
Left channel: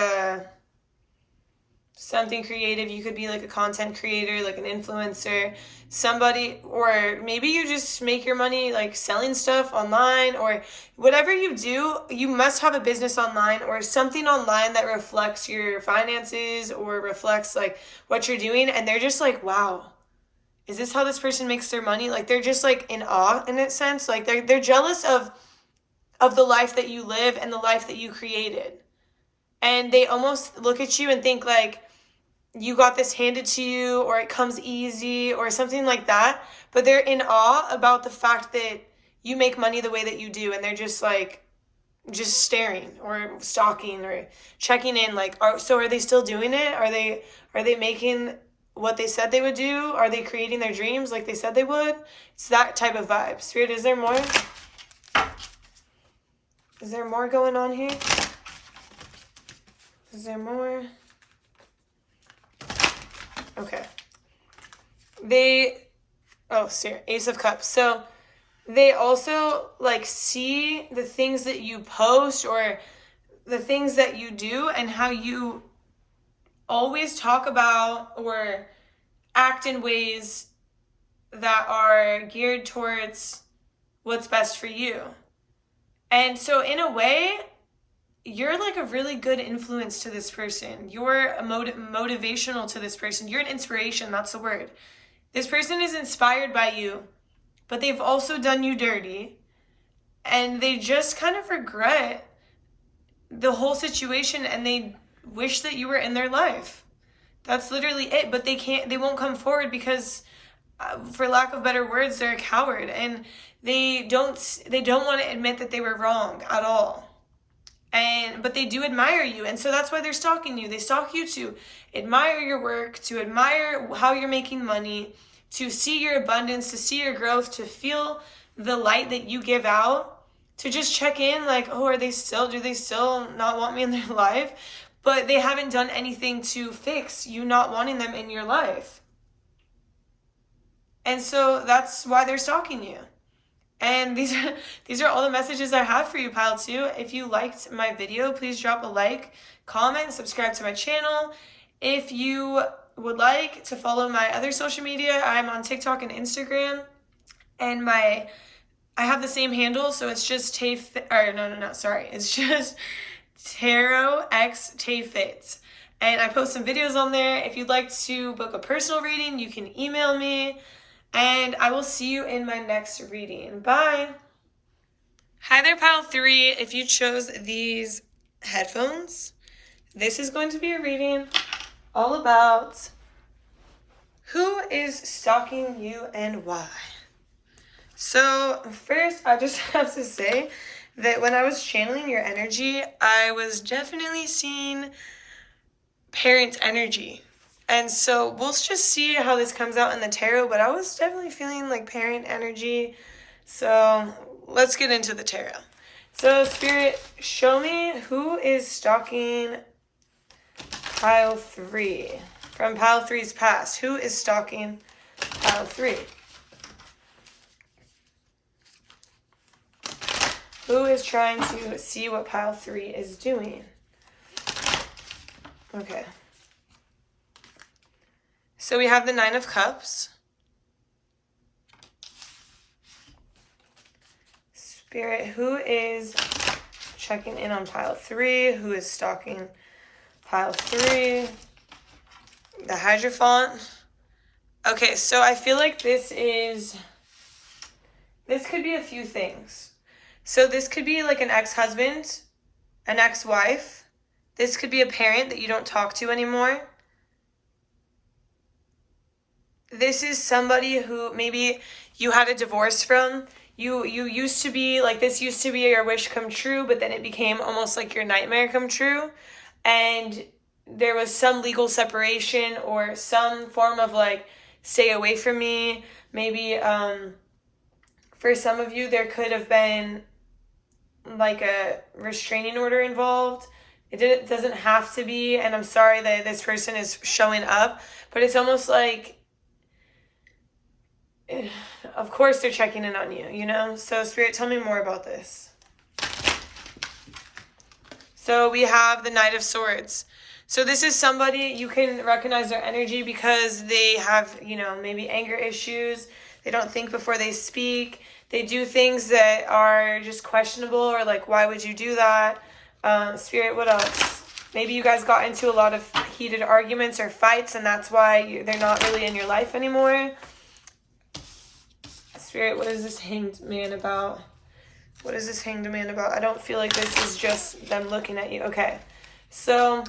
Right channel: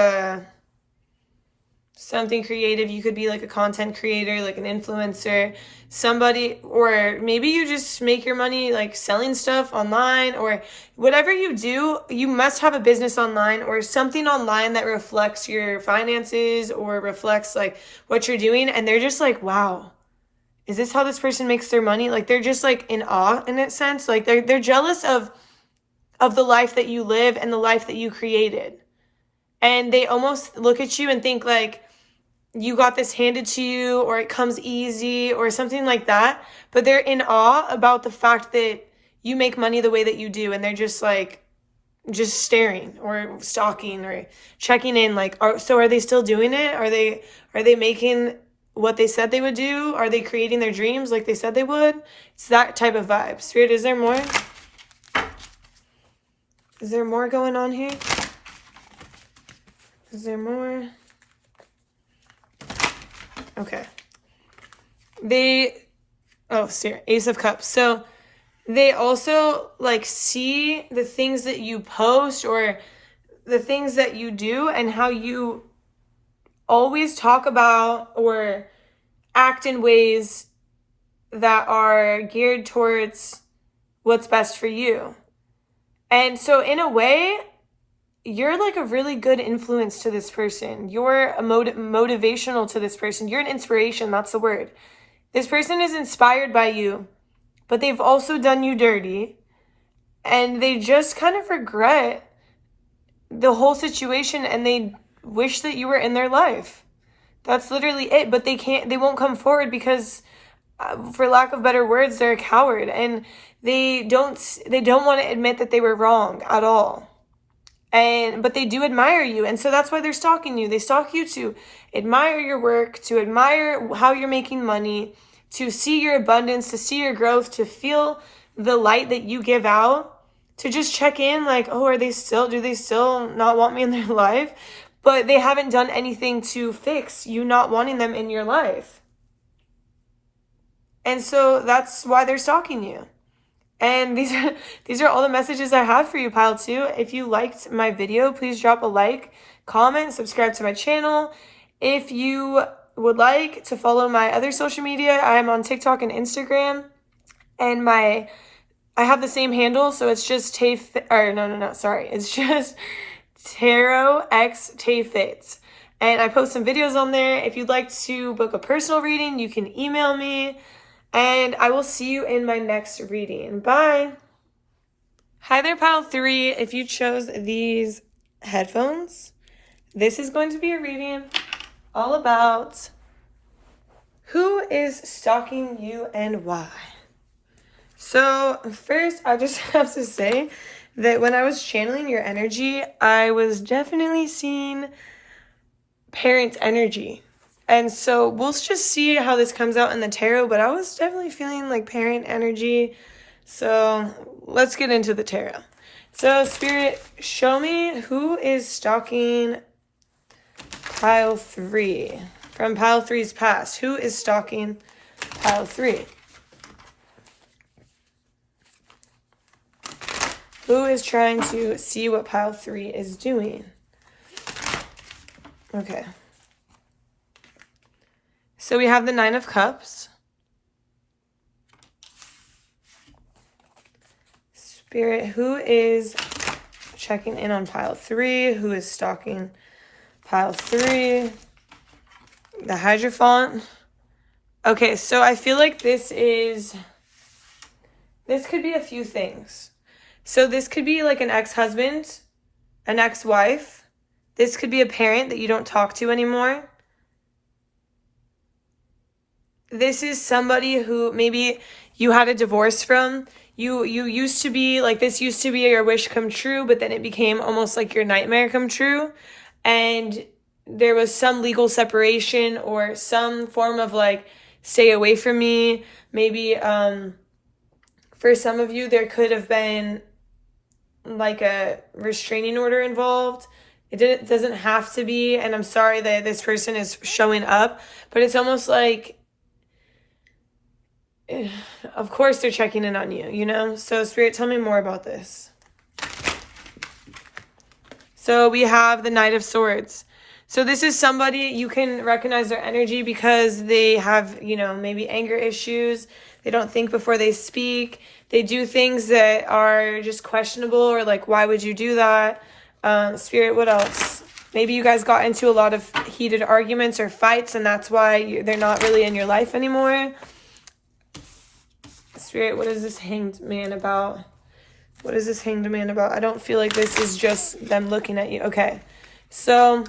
something creative. You could be like a content creator, like an influencer, somebody, or maybe you just make your money like selling stuff online, or whatever you do, you must have a business online or something online that reflects your finances or reflects like what you're doing. And they're just like, wow, is this how this person makes their money? Like, they're just like in awe in that sense. Like they're jealous of the life that you live and the life that you created. And they almost look at you and think like you got this handed to you, or it comes easy or something like that. But they're in awe about the fact that you make money the way that you do. And they're just like, just staring or stalking or checking in. Like, are they still doing it? Are they making what they said they would do? Are they creating their dreams like they said they would? It's that type of vibe. Spirit, is there more? Is there more going on here? Is there more? Okay. Ace of Cups. So they also like see the things that you post or the things that you do and how you always talk about or act in ways that are geared towards what's best for you. And so in a way, you're like a really good influence to this person. You're a motivational to this person. You're an inspiration. That's the word. This person is inspired by you, but they've also done you dirty. And they just kind of regret the whole situation and they wish that you were in their life. That's literally it. But they won't come forward because, for lack of better words, they're a coward. And they don't want to admit that they were wrong at all. But they do admire you, and so that's why they're stalking you. They stalk you to admire your work, to admire how you're making money, to see your abundance, to see your growth, to feel the light that you give out, to just check in like, oh, do they still not want me in their life? But they haven't done anything to fix you not wanting them in your life. And so that's why they're stalking you. And these are all the messages I have for you, Pile 2. If you liked my video, please drop a like, comment, subscribe to my channel. If you would like to follow my other social media, I'm on TikTok and Instagram. And I have the same handle, so it's just it's just TarotXTayFit. And I post some videos on there. If you'd like to book a personal reading, you can email me. And I will see you in my next reading. Bye. Hi there, Pile 3. If you chose these headphones, this is going to be a reading all about who is stalking you and why. So first, I just have to say that when I was channeling your energy, I was definitely seeing parent energy. And so we'll just see how this comes out in the tarot, but I was definitely feeling like parent energy. So let's get into the tarot. So Spirit, show me who is stalking Pile 3. From Pile 3's past, who is stalking Pile 3? Who is trying to see what Pile 3 is doing? Okay. So we have the Nine of Cups. Spirit, who is checking in on Pile 3? Who is stalking Pile 3? The Hierophant. Okay, so I feel like this could be a few things. So this could be like an ex-husband, an ex-wife. This could be a parent that you don't talk to anymore. This is somebody who maybe you had a divorce from. You used to be, like, this used to be your wish come true, but then it became almost like your nightmare come true. And there was some legal separation or some form of, like, stay away from me. Maybe for some of you, there could have been, like, a restraining order involved. It doesn't have to be, and I'm sorry that this person is showing up, but it's almost like, of course they're checking in on you, you know? So Spirit, tell me more about this. So we have the Knight of Swords. So this is somebody, you can recognize their energy because they have, you know, maybe anger issues. They don't think before they speak. They do things that are just questionable or like, why would you do that? Spirit, what else? Maybe you guys got into a lot of heated arguments or fights and that's why they're not really in your life anymore. Spirit, what is this Hanged Man about? What is this Hanged Man about? I don't feel like this is just them looking at you. Okay, so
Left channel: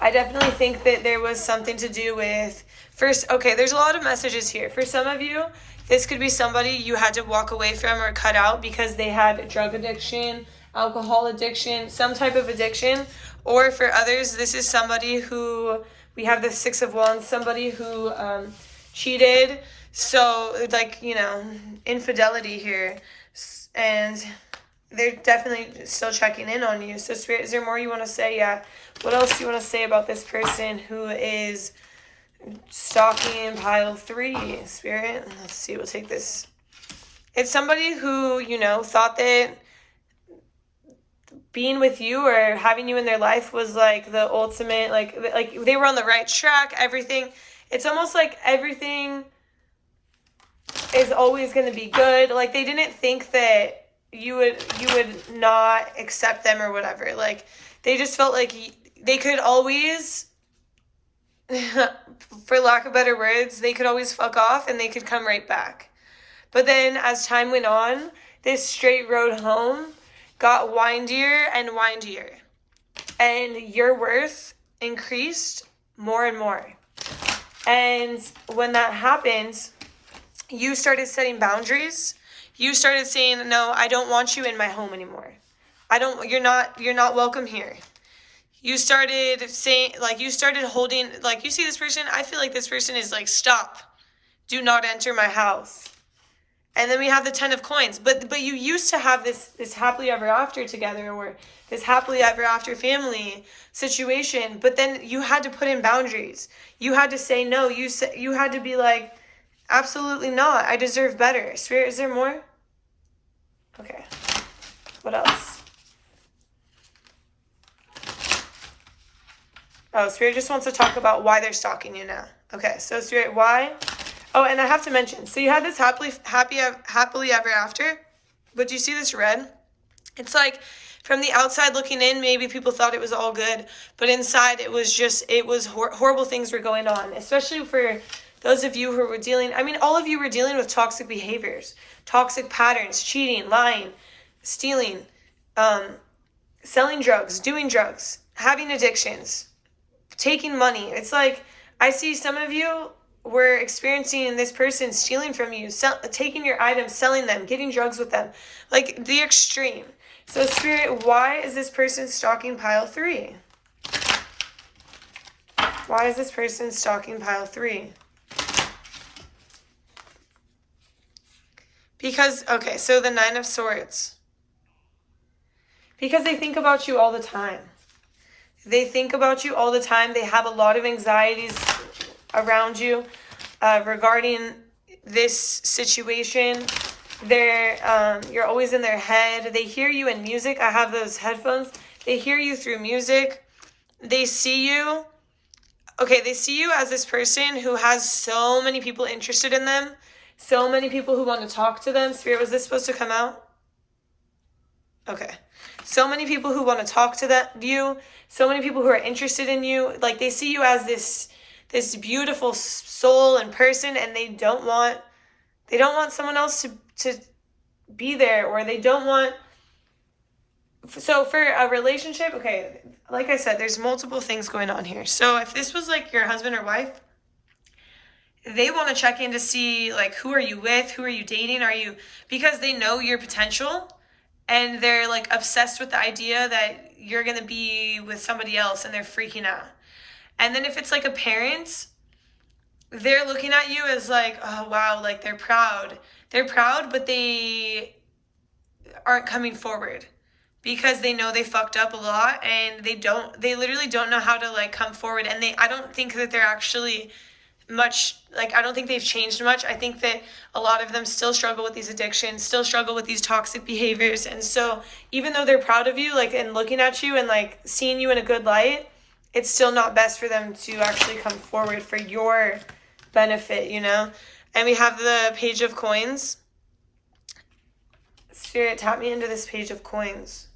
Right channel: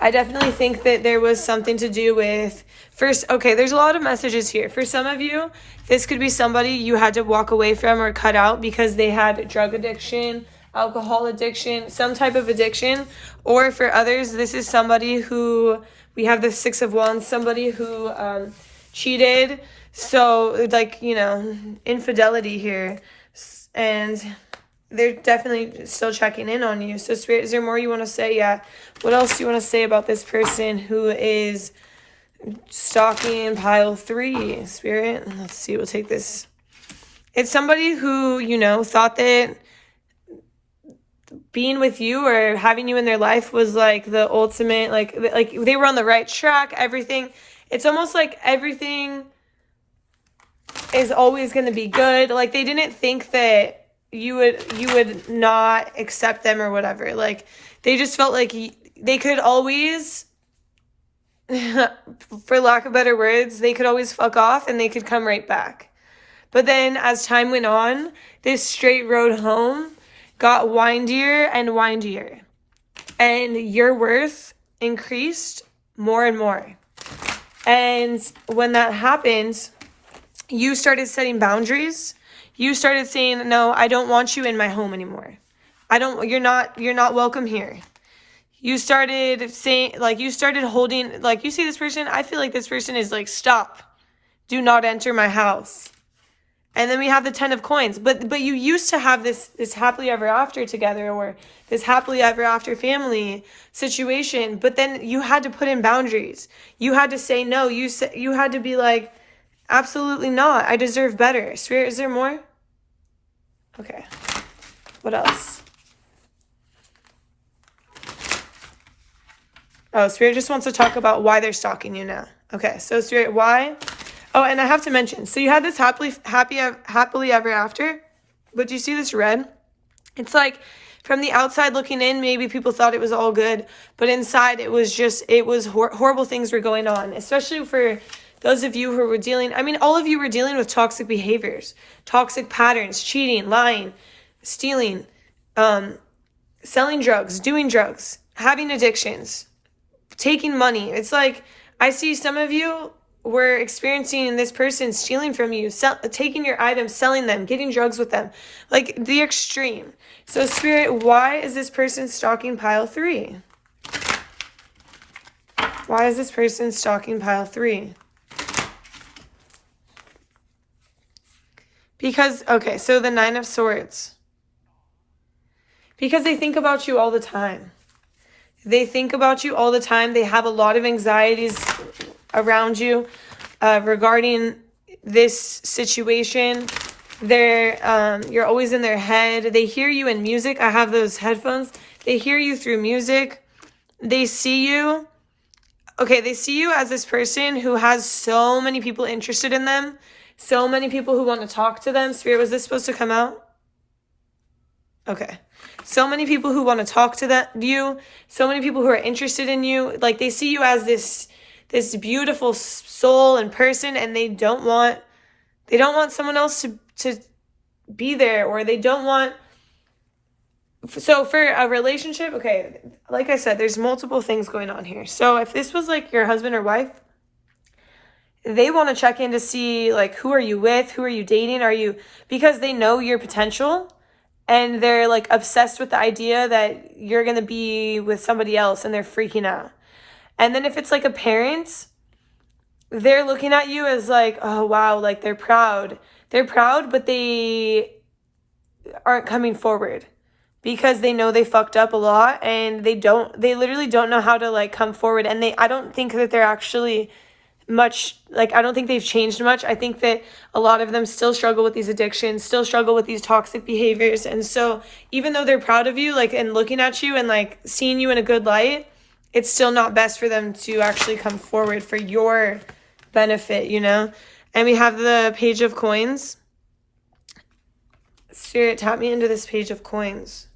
I definitely think that there was something to do with, first, okay, there's a lot of messages here. For some of you, this could be somebody you had to walk away from or cut out because they had drug addiction, alcohol addiction, some type of addiction. Or for others, this is somebody who, we have the Six of Wands, somebody who cheated. So, like, you know, infidelity here. And they're definitely still checking in on you. So, Spirit, is there more you want to say? Yeah. What else do you want to say about this person who is stalking pile 3, Spirit. Let's see, we'll take this. It's somebody who, you know, thought that being with you or having you in their life was like the ultimate, like they were on the right track, everything. It's almost like everything is always going to be good. Like they didn't think that you would not accept them or whatever. Like they just felt like they could always, for lack of better words, they could always fuck off and they could come right back. But then as time went on, this straight road home got windier and windier. And your worth increased more and more. And when that happened, you started setting boundaries. You started saying, no, I don't want you in my home anymore. You're not welcome here. You started saying, like, you started holding, like, you see this person, I feel like this person is like, stop, do not enter my house. And then we have the 10 of coins. But you used to have this happily ever after together, or this happily ever after family situation. But then you had to put in boundaries. You had to say no. You had to be like, absolutely not. I deserve better. Spirit, is there more? Okay. What else? Oh, Spirit just wants to talk about why they're stalking you now. Okay, so Spirit, why? Oh, and I have to mention, so you had this happily ever after, but do you see this red? It's like, from the outside looking in, maybe people thought it was all good, but inside it was horrible things were going on, especially for those of you who were dealing, I mean, all of you were dealing with toxic behaviors, toxic patterns, cheating, lying, stealing, selling drugs, doing drugs, having addictions, taking money. It's like, I see some of you were experiencing this person stealing from you, taking your items, selling them, getting drugs with them, like the extreme. So Spirit, why is this person stalking pile 3? Why is this person stalking pile 3? Because, okay, so the 9 of Swords. Because they think about you all the time. They think about you all the time. They have a lot of anxieties around you regarding this situation. You're always in their head. They hear you in music. I have those headphones. They hear you through music. They see you. Okay, they see you as this person who has so many people interested in them. So many people who want to talk to them. Spirit, was this supposed to come out? Okay. So many people who want to talk to you. So many people who are interested in you. Like, they see you as this beautiful soul and person, and they don't want someone else to be there, or they don't want. So for a relationship, okay, like I said, there's multiple things going on here. So if this was like your husband or wife, they want to check in to see, like, who are you with? Who are you dating? Because they know your potential, and they're like obsessed with the idea that you're going to be with somebody else, and they're freaking out. And then if it's like a parent, they're looking at you as like, oh, wow, like they're proud. They're proud, but they aren't coming forward because they know they fucked up a lot, and they literally don't know how to like come forward. And I don't think that they're actually much, like, I don't think they've changed much. I think that a lot of them still struggle with these addictions, still struggle with these toxic behaviors. And so even though they're proud of you, like, and looking at you and like seeing you in a good light, it's still not best for them to actually come forward for your benefit, you know? And we have the Page of Coins. Spirit, tap me into this Page of Coins.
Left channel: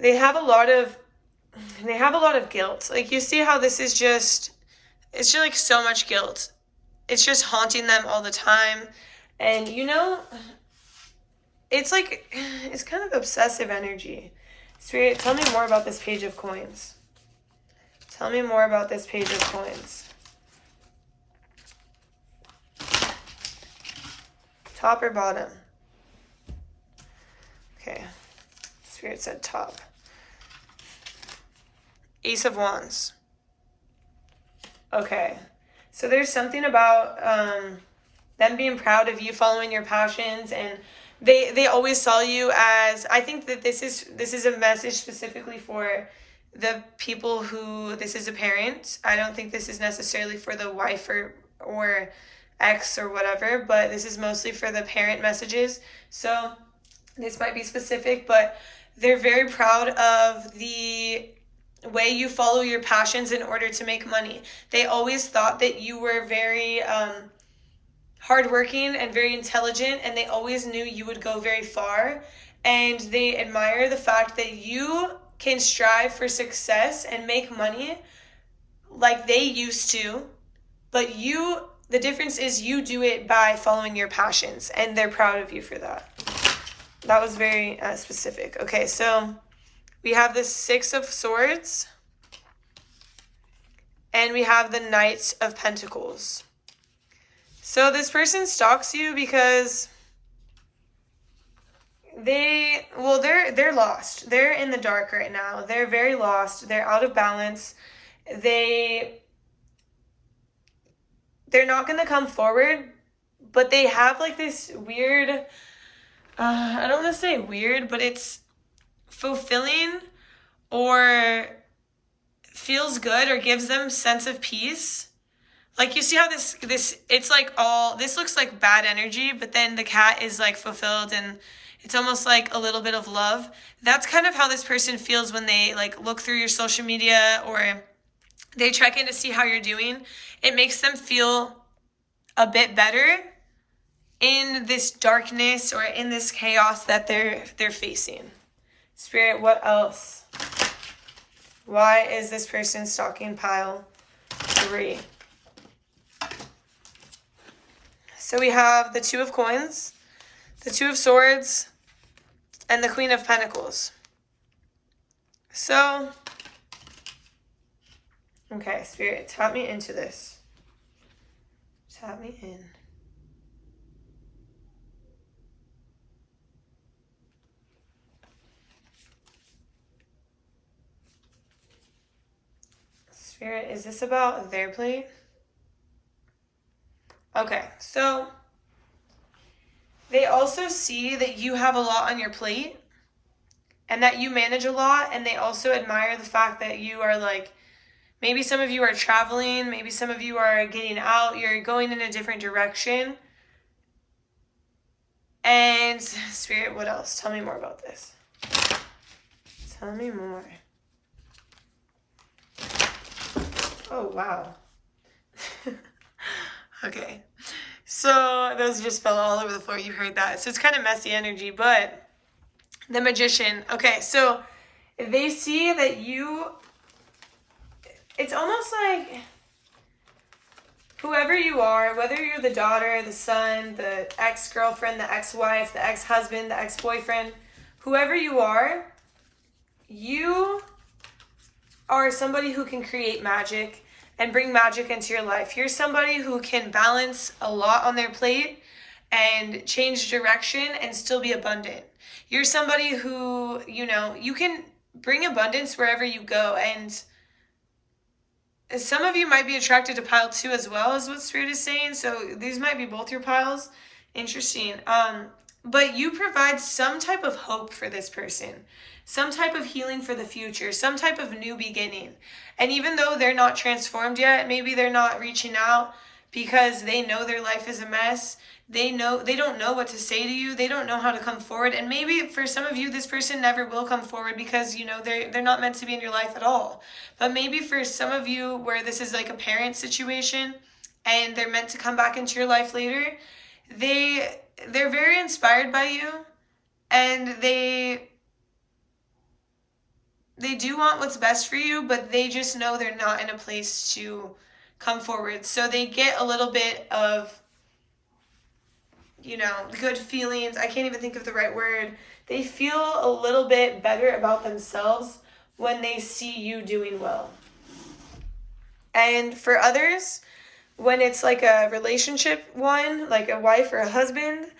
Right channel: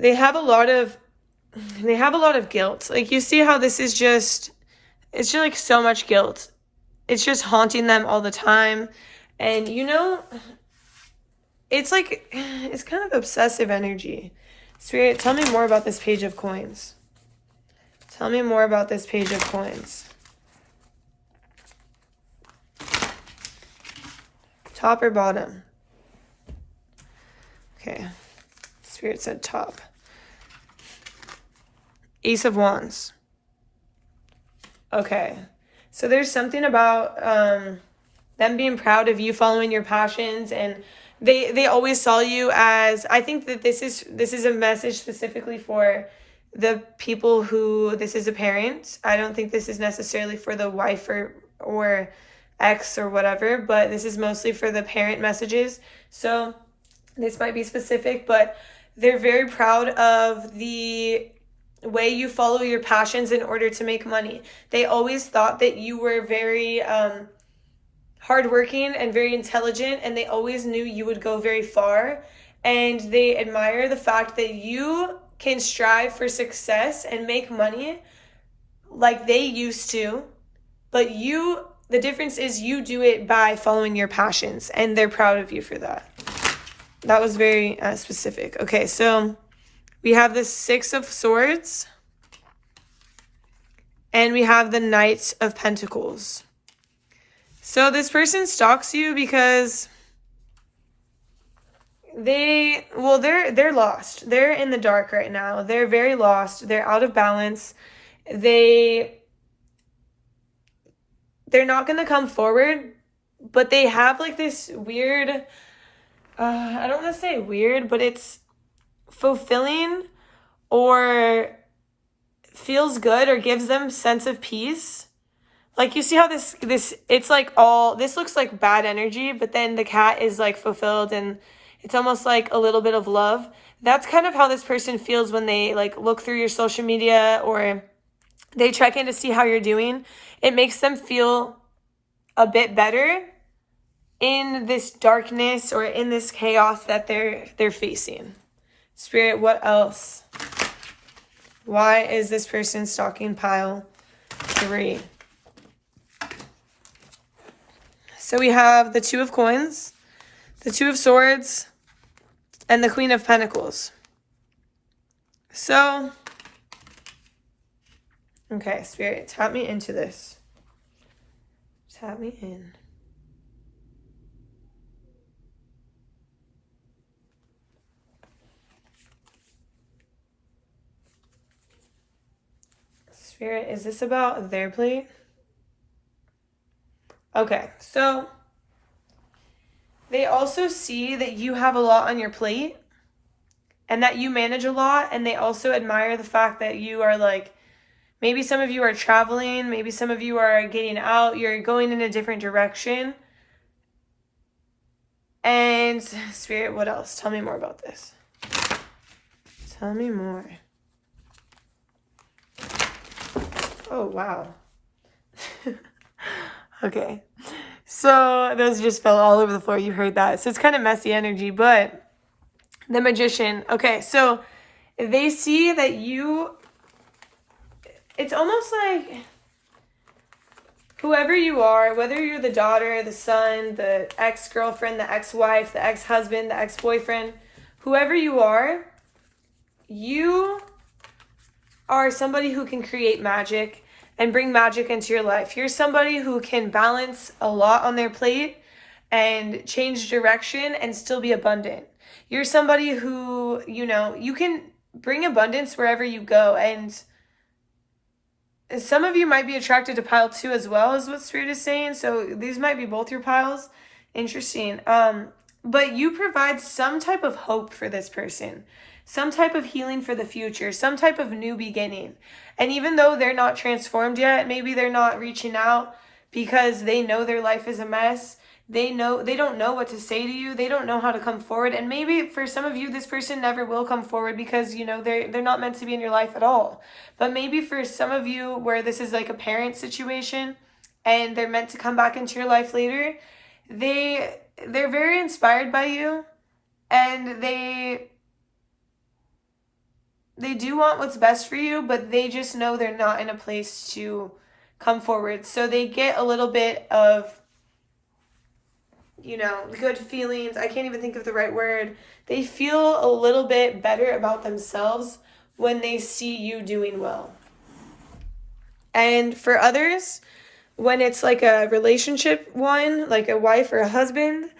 They have a lot of guilt. Like, you see how this is it's just like so much guilt. It's just haunting them all the time. And, you know, it's like, it's kind of obsessive energy. Spirit, tell me more about this Page of Coins. Tell me more about this Page of Coins. Top or bottom? Okay. Spirit said top. Ace of Wands. Okay. So there's something about them being proud of you, following your passions, and they always saw you as, I think that this is a message specifically for the people who this is a parent. I don't think this is necessarily for the wife or ex or whatever, but this is mostly for the parent messages. So this might be specific, but they're very proud of the way you follow your passions in order to make money. They always thought that you were very hardworking and very intelligent, and they always knew you would go very far. And they admire the fact that you can strive for success and make money like they used to, but the difference is you do it by following your passions, and they're proud of you for that. That was very specific. Okay, so we have the Six of Swords, and we have the Knight of Pentacles. So this person stalks you because they're lost. They're in the dark right now. They're very lost. They're out of balance. They're not going to come forward, but they have like this weird, I don't want to say weird, but it's fulfilling or feels good or gives them sense of peace. Like you see how this it's like this looks like bad energy, but then the cat is like fulfilled and it's almost like a little bit of love. That's kind of how this person feels when they like look through your social media or they check in to see how you're doing. It makes them feel a bit better in this darkness or in this chaos that they're facing. Spirit, what else? Why is this person stalking pile 3? So we have the Two of Coins, the Two of Swords, and the Queen of Pentacles. So, okay, Spirit, tap me into this. Tap me in. Spirit, is this about their plate? Okay, so they also see that you have a lot on your plate and that you manage a lot, and they also admire the fact that you are like, maybe some of you are traveling, maybe some of you are getting out, you're going in a different direction. And Spirit, what else? Tell me more about this. Tell me more. Oh, wow. Okay. So those just fell all over the floor. You heard that. So it's kind of messy energy, but the Magician. Okay, so they see that it's almost like whoever you are, whether you're the daughter, the son, the ex-girlfriend, the ex-wife, the ex-husband, the ex-boyfriend, whoever you are somebody who can create magic and bring magic into your life. You're somebody who can balance a lot on their plate and change direction and still be abundant. You're somebody who, you can bring abundance wherever you go. And some of you might be attracted to pile 2 as well, is what Spirit is saying. So these might be both your piles. Interesting. But you provide some type of hope for this person, some type of healing for the future, some type of new beginning. And even though they're not transformed yet, maybe they're not reaching out because they know their life is a mess. They don't know what to say to you. They don't know how to come forward. And maybe for some of you, this person never will come forward because, they're not meant to be in your life at all. But maybe for some of you where this is like a parent situation and they're meant to come back into your life later, they're very inspired by you, and they do want what's best for you, but they just know they're not in a place to come forward. So they get a little bit of, good feelings. I can't even think of the right word. They feel a little bit better about themselves when they see you doing well. And for others, when it's like a relationship one, like a wife or a husband,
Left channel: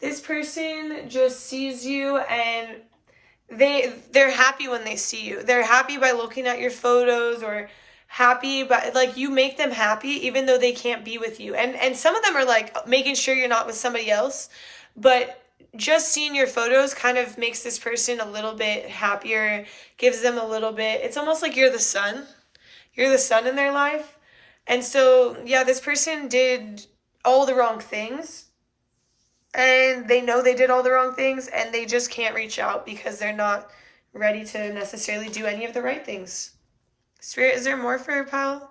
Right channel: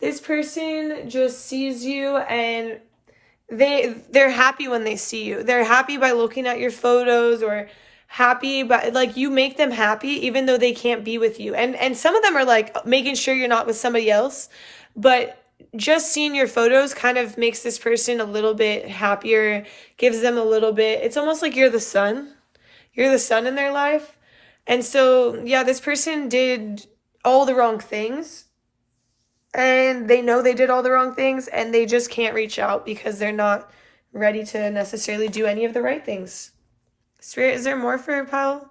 this person just sees you and they're happy when they see you. They're happy by looking at your photos, or happy by, like, you make them happy even though they can't be with you. And some of them are like making sure you're not with somebody else, but just seeing your photos kind of makes this person a little bit happier, gives them a little bit, it's almost like you're the sun. You're the sun in their life. And so, yeah, this person did all the wrong things. And they know they did all the wrong things, and they just can't reach out because they're not ready to necessarily do any of the right things. Spirit, is there more for your pile?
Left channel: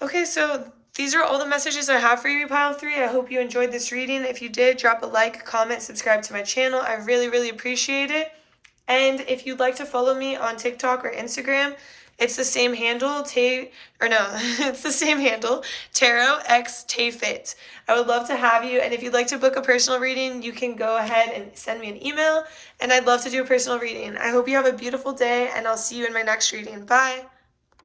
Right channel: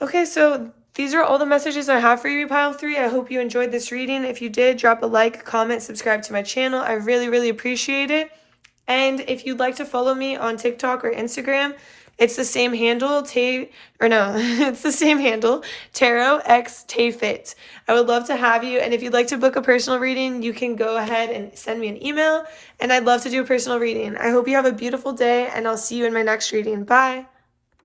Okay, so these are all the messages I have for you, pile 3. I hope you enjoyed this reading. If you did, drop a like, comment, subscribe to my channel. I really, really appreciate it. And if you'd like to follow me on TikTok or Instagram, it's the same handle, it's the same handle, TarotXTayFit. I would love to have you, and if you'd like to book a personal reading, you can go ahead and send me an email, and I'd love to do a personal reading. I hope you have a beautiful day, and I'll see you in my next reading. Bye!